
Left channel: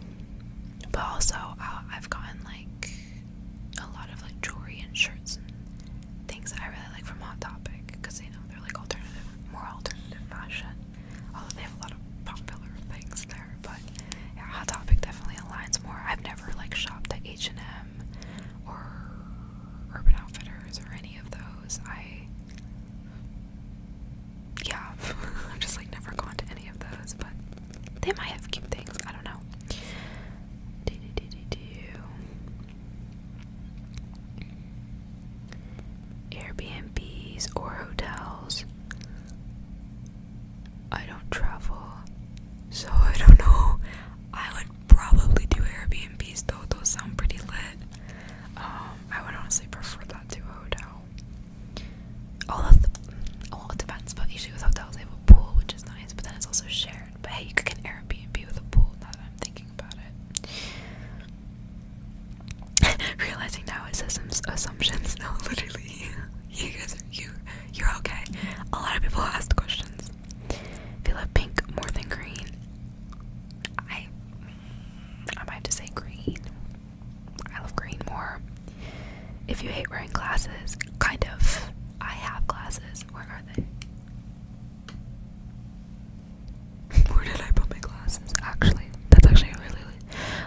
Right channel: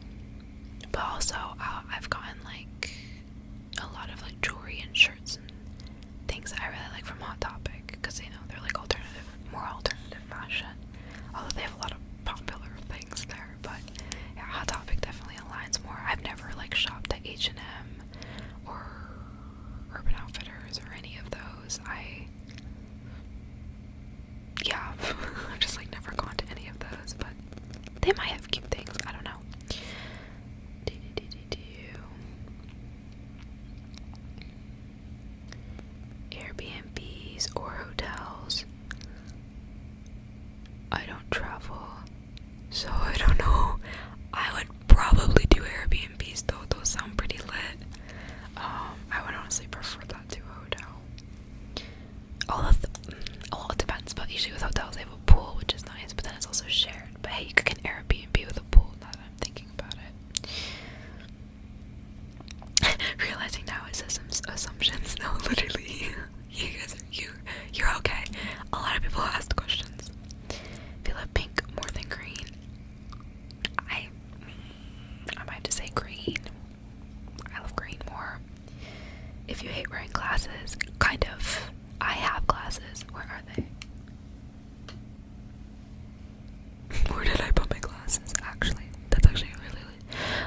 But also, I've gotten, like, a lot of, like, jewelry and shirts and things that I really like from Hot Topic, because, you know, they're, like, more alternative fashion. Although they have a lot of popular things there, but yeah, Hot Topic definitely aligns more. I've never, like, shopped at H&M or Urban Outfitters or any of those. I've just, like, never gone to any of those, but they might have cute things. I don't know. Airbnbs or hotels. I don't travel, so I don't know. I would probably do Airbnbs though. Those sound pretty lit. I would honestly prefer that to a hotel. Well, it depends, but usually with hotels they have a pool, which is nice, but then it's also shared. But hey, you could get an Airbnb with a pool, now that I'm thinking about it. Realizing now it says some assumptions. No, literally. You guys you're okay. A lot of people asked questions. If you love pink more than green, I might have to say green. I love green more. If you hate wearing glasses, kind of. I have glasses. Where are they? Where did I put my glasses? Actually, that's actually a really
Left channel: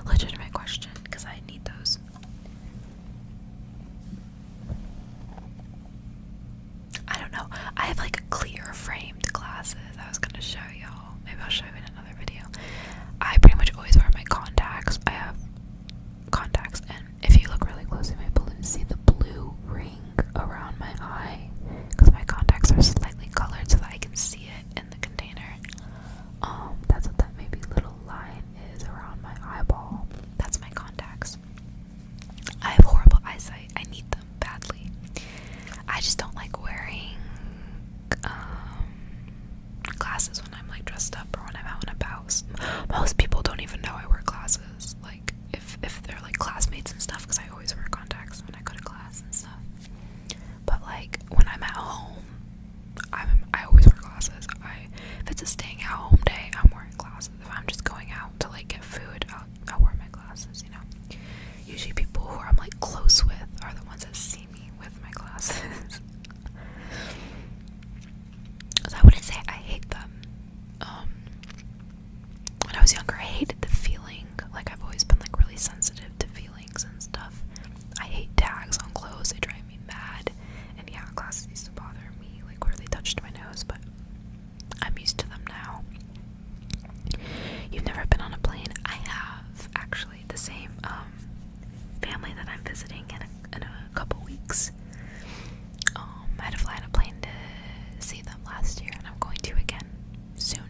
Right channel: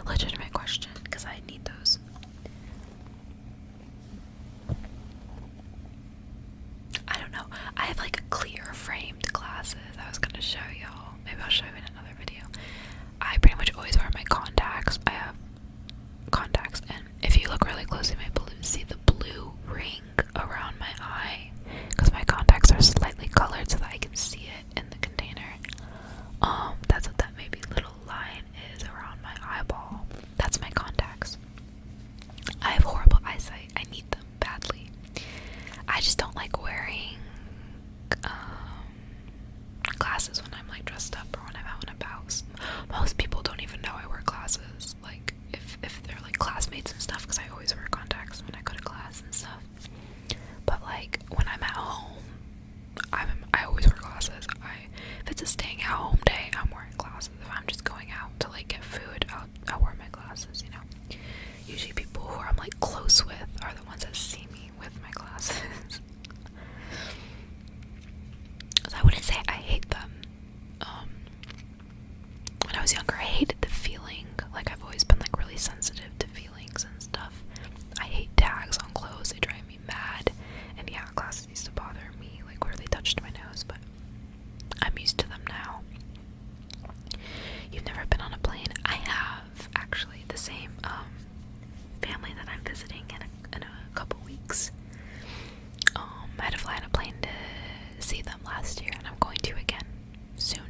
legitimate question, because I need those. I don't know. I have like clear framed glasses. I was gonna show y'all. Maybe I'll show you in another video. I pretty much always wear my contacts. I have contacts, and if you look really closely, see the blue ring around my eye, because my contacts are slightly colored so that I can see it in the container. That's what that maybe little line is around my eyeball. That's my contacts. I have horrible eyesight. I need them badly. I just don't like wearing glasses when I'm like dressed up or when I'm out and about. Most people don't even know I wear glasses, like if they're like classmates and stuff, because I always wear contacts when I go to class and stuff. But like when I'm at home, I always wear glasses. If it's a staying at home day, I'm wearing glasses. If I'm just going out to like get food, I'll wear my glasses, you know. Usually people who I'm like close with are the ones that see me with my glasses. So I wouldn't say I hate them. When I was younger, I hated the feeling. Like, I've always been like really sensitive to feelings and stuff. I hate tags on clothes. They drive me mad. And yeah, glasses used to bother me, like where they touched my nose, but I'm used to them now. You've never been on a plane? I have, actually. The same family that I'm visiting in a couple weeks. I had to fly on a plane to see them last year, and I'm going to again soon.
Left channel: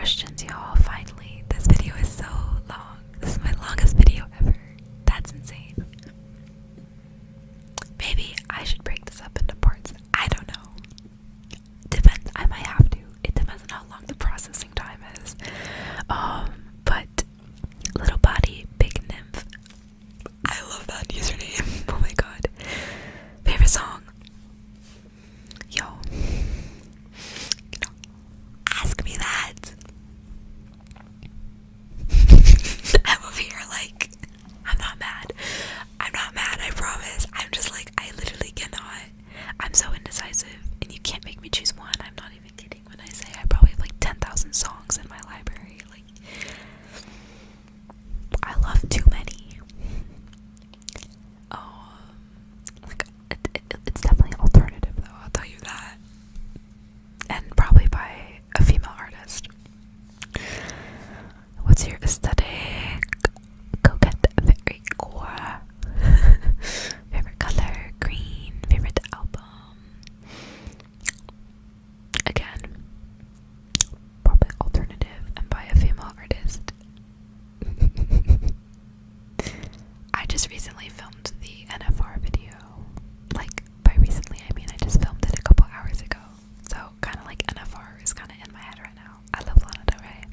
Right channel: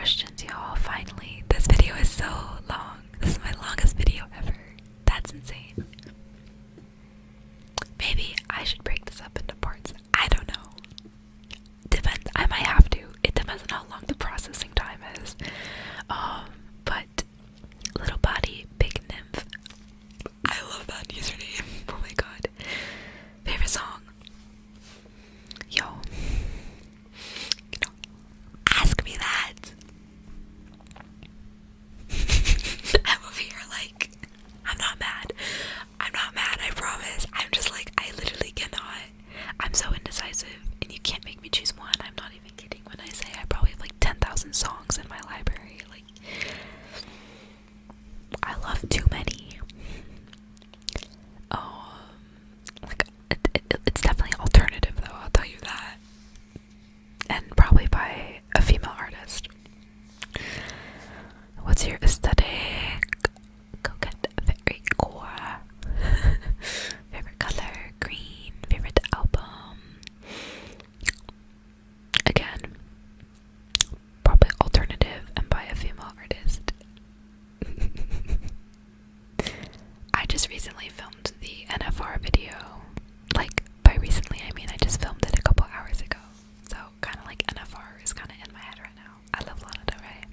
questions, y'all. Finally, this video is so long. This is my longest video ever. That's insane. Maybe I should break this up into parts. I don't know. Depends. I might have to. It depends on how long the processing time is. But little body, big nymph. I love that username. Oh my god. Favorite song? Yo. Ask me that. I'm over here like, I'm not mad. I'm not mad, I promise. I'm just like, I literally cannot. I'm so indecisive, and you can't make me choose one. I'm not even kidding when I say I probably have like 10,000 songs in my library. Like, I love too many. Like, it's definitely alternative though, I'll tell you that. And probably by a female artist. What's your aesthetic? Coquette, very core. Favorite color? Green. Favorite album? Again, probably alternative and by a female artist. I just recently filmed the NFR video. Like, by recently I mean I just filmed it a couple hours ago. So kind of like NFR is kind of in my head right now. I love Lana Del Rey.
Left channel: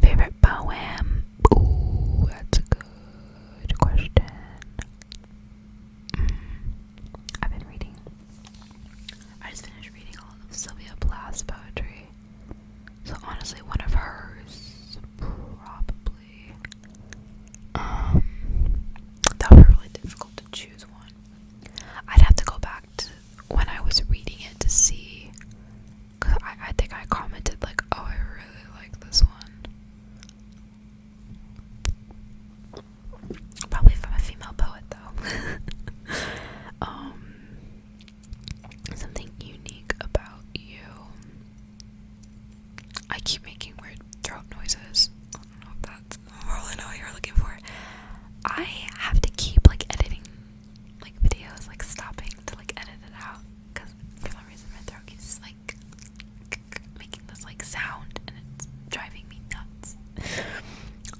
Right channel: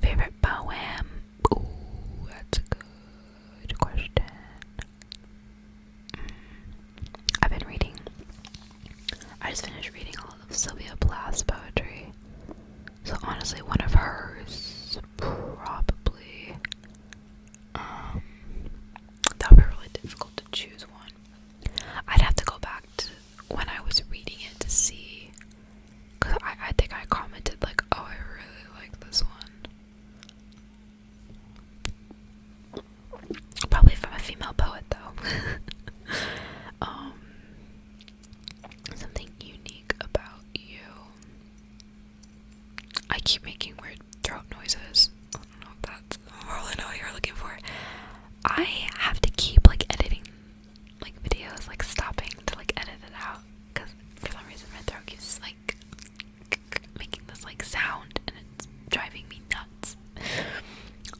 Favorite poem? Ooh, that's a good question. I've been reading. I just finished reading all of Sylvia Plath's poetry. So honestly, one of hers, probably. That would be really difficult to choose one. I'd have to go back to when I was reading it to see, because I think I commented like, oh, I really like this one. Probably from a female poet though. Something unique about you. I keep making weird throat noises. I don't know if that's really know what you're looking for. I have to keep like editing like videos, like stopping to like edit it out, because for some reason my throat keeps like making this like sound and it's driving me nuts.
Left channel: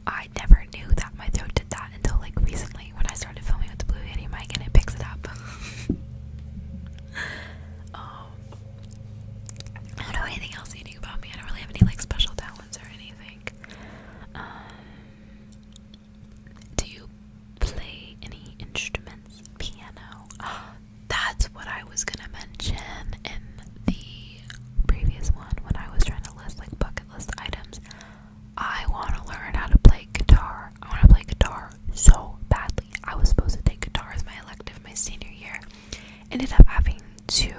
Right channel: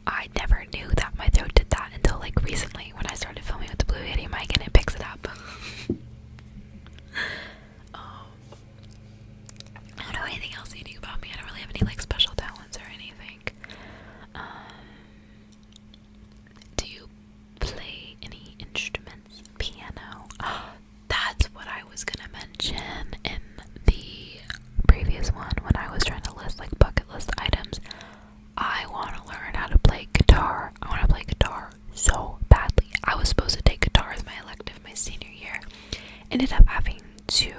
I never knew that my throat did that until like recently when I started filming with the Blue Yeti mic and it picks it up. I don't know anything else unique about me. I don't really have any like special talents or anything. Do you play any instruments? Piano. That's what I was gonna mention in the previous one when I was trying to list like bucket list items. I want to learn how to play guitar. I want to play guitar so badly. I was supposed to take guitar as my elective my senior year. Ended up having to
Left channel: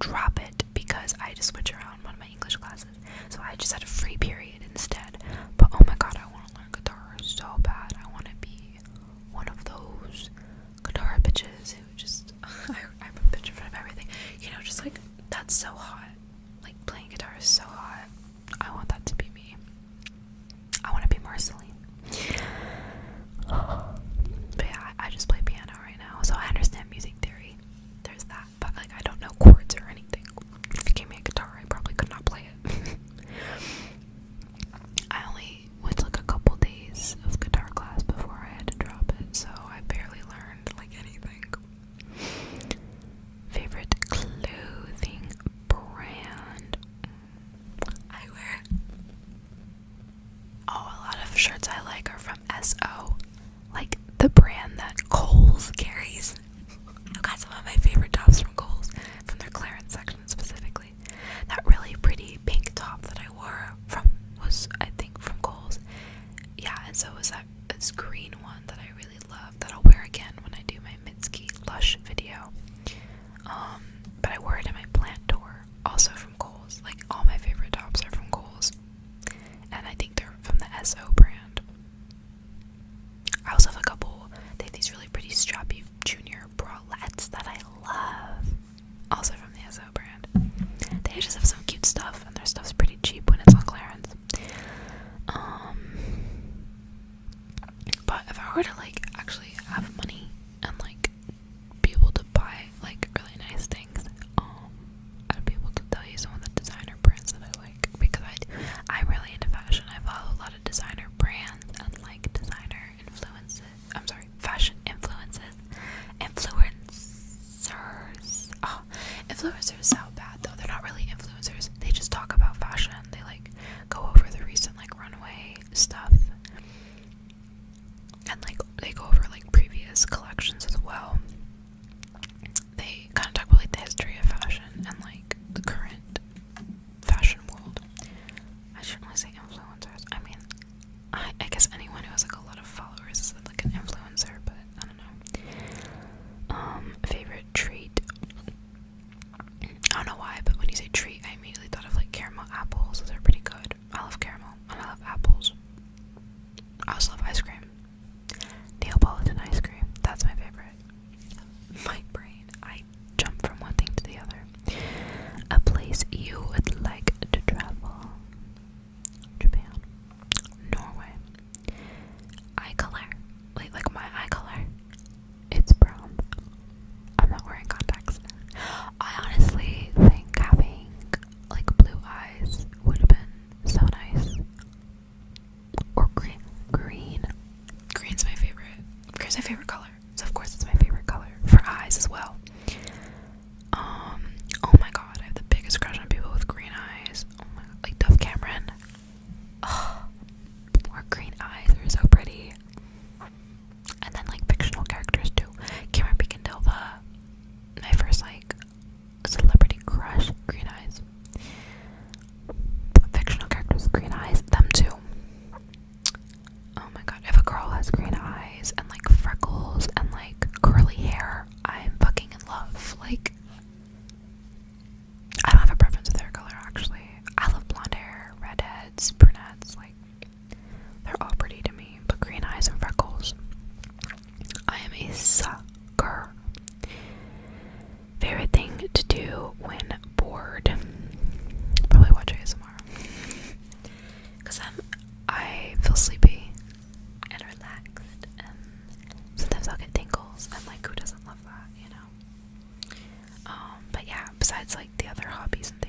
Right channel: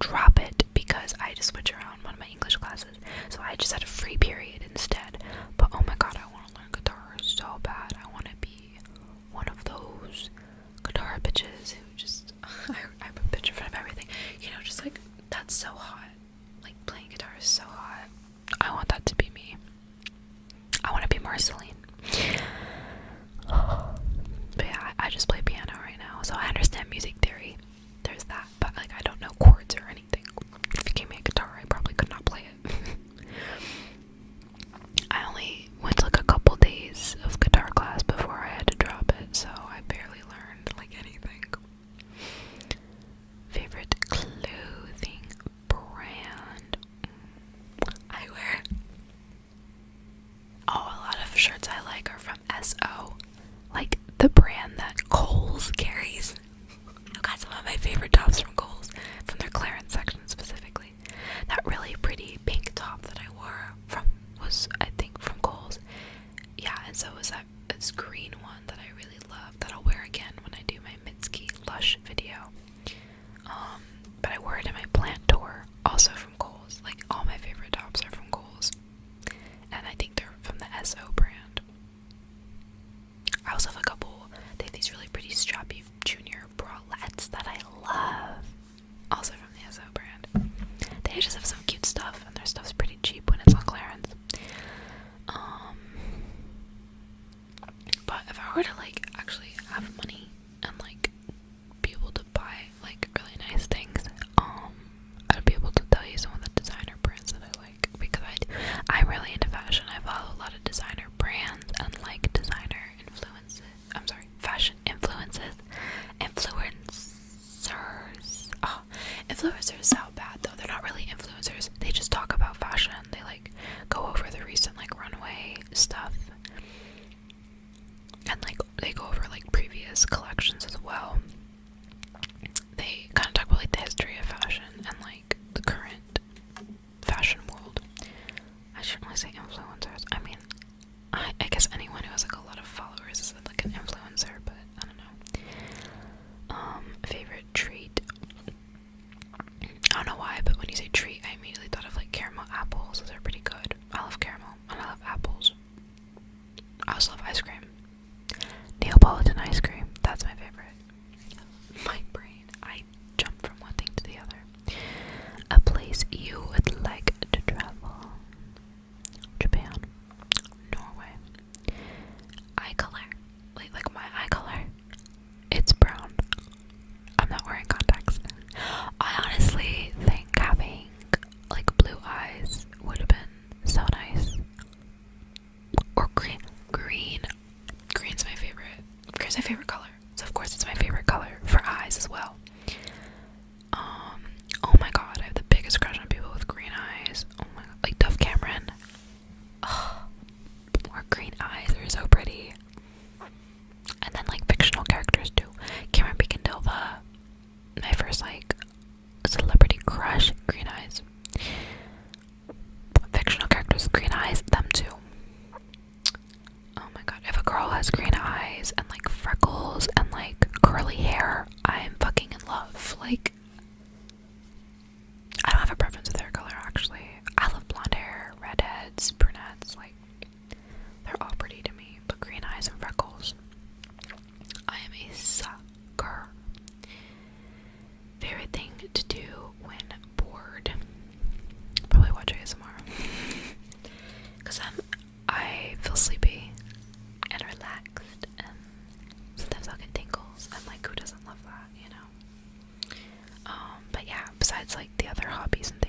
drop it because I had to switch around one of my English classes. So I just had a free period instead. But oh my god, I want to learn guitar so bad. I want to be one of those guitar bitches who just I'm a bitch in front of everything. You know, just like, that's so hot. Like, playing guitar is so hot. I want that to be me. I want to be Marceline. But yeah, I just play piano right now, so I understand music theory. There's that, but like, I don't know chords or anything. If you gave me a guitar, I probably could not play it. influencers sound bad though. They're not really influencers. They just talk about fashion. They like go over the recent like runway stuff. And like they go over like previous collections as well. They kind of talk about like the history of fashion and like the current fashion world. I shouldn't really say influencers. I mean, I guess anyone who has like a lot of followers is like an influencer, but I don't know. Favorite treat. I don't know why, but when you say treat, I immediately thought of like caramel apples. Those are pretty good. I love caramel and I love apples. I also love ice cream. Neapolitan ice cream. That's my favorite. My brain. I jump from one thing to the other. A place you would like to travel. Japan. Norway. Eye color. Like my eye color. It's brown. I'm not wearing contacts. I honestly think having like blue eyes would have been so nice. Or green. Green's my favorite. Green's my favorite color. So of course it's my favorite color for eyes as well. Oh my god, I have the biggest crush on people with green eyes. Oh my god, like Dove Cameron. Oh, more green eyes are so pretty. And then like fictional characters too. Cameron Bacon-Dilva. My first like celebrity crush, green eyes. Fictional characters with green eyes, them too. Oh my god, if a girl has green eyes and like freckles and like curly hair, I'm fucking in love. Like, I don't have a preference with hair color actually. I love blonde hair, redheads, brunettes, like, they're all pretty to me, but green eyes and freckles, I am a sucker. Favorite thing to do when bored? Probably watch ASMR. Because I feel sleepy and relaxed, and sometimes I'll get tingles, and like, who doesn't love that, you know? But yeah, besides like the other hobbies and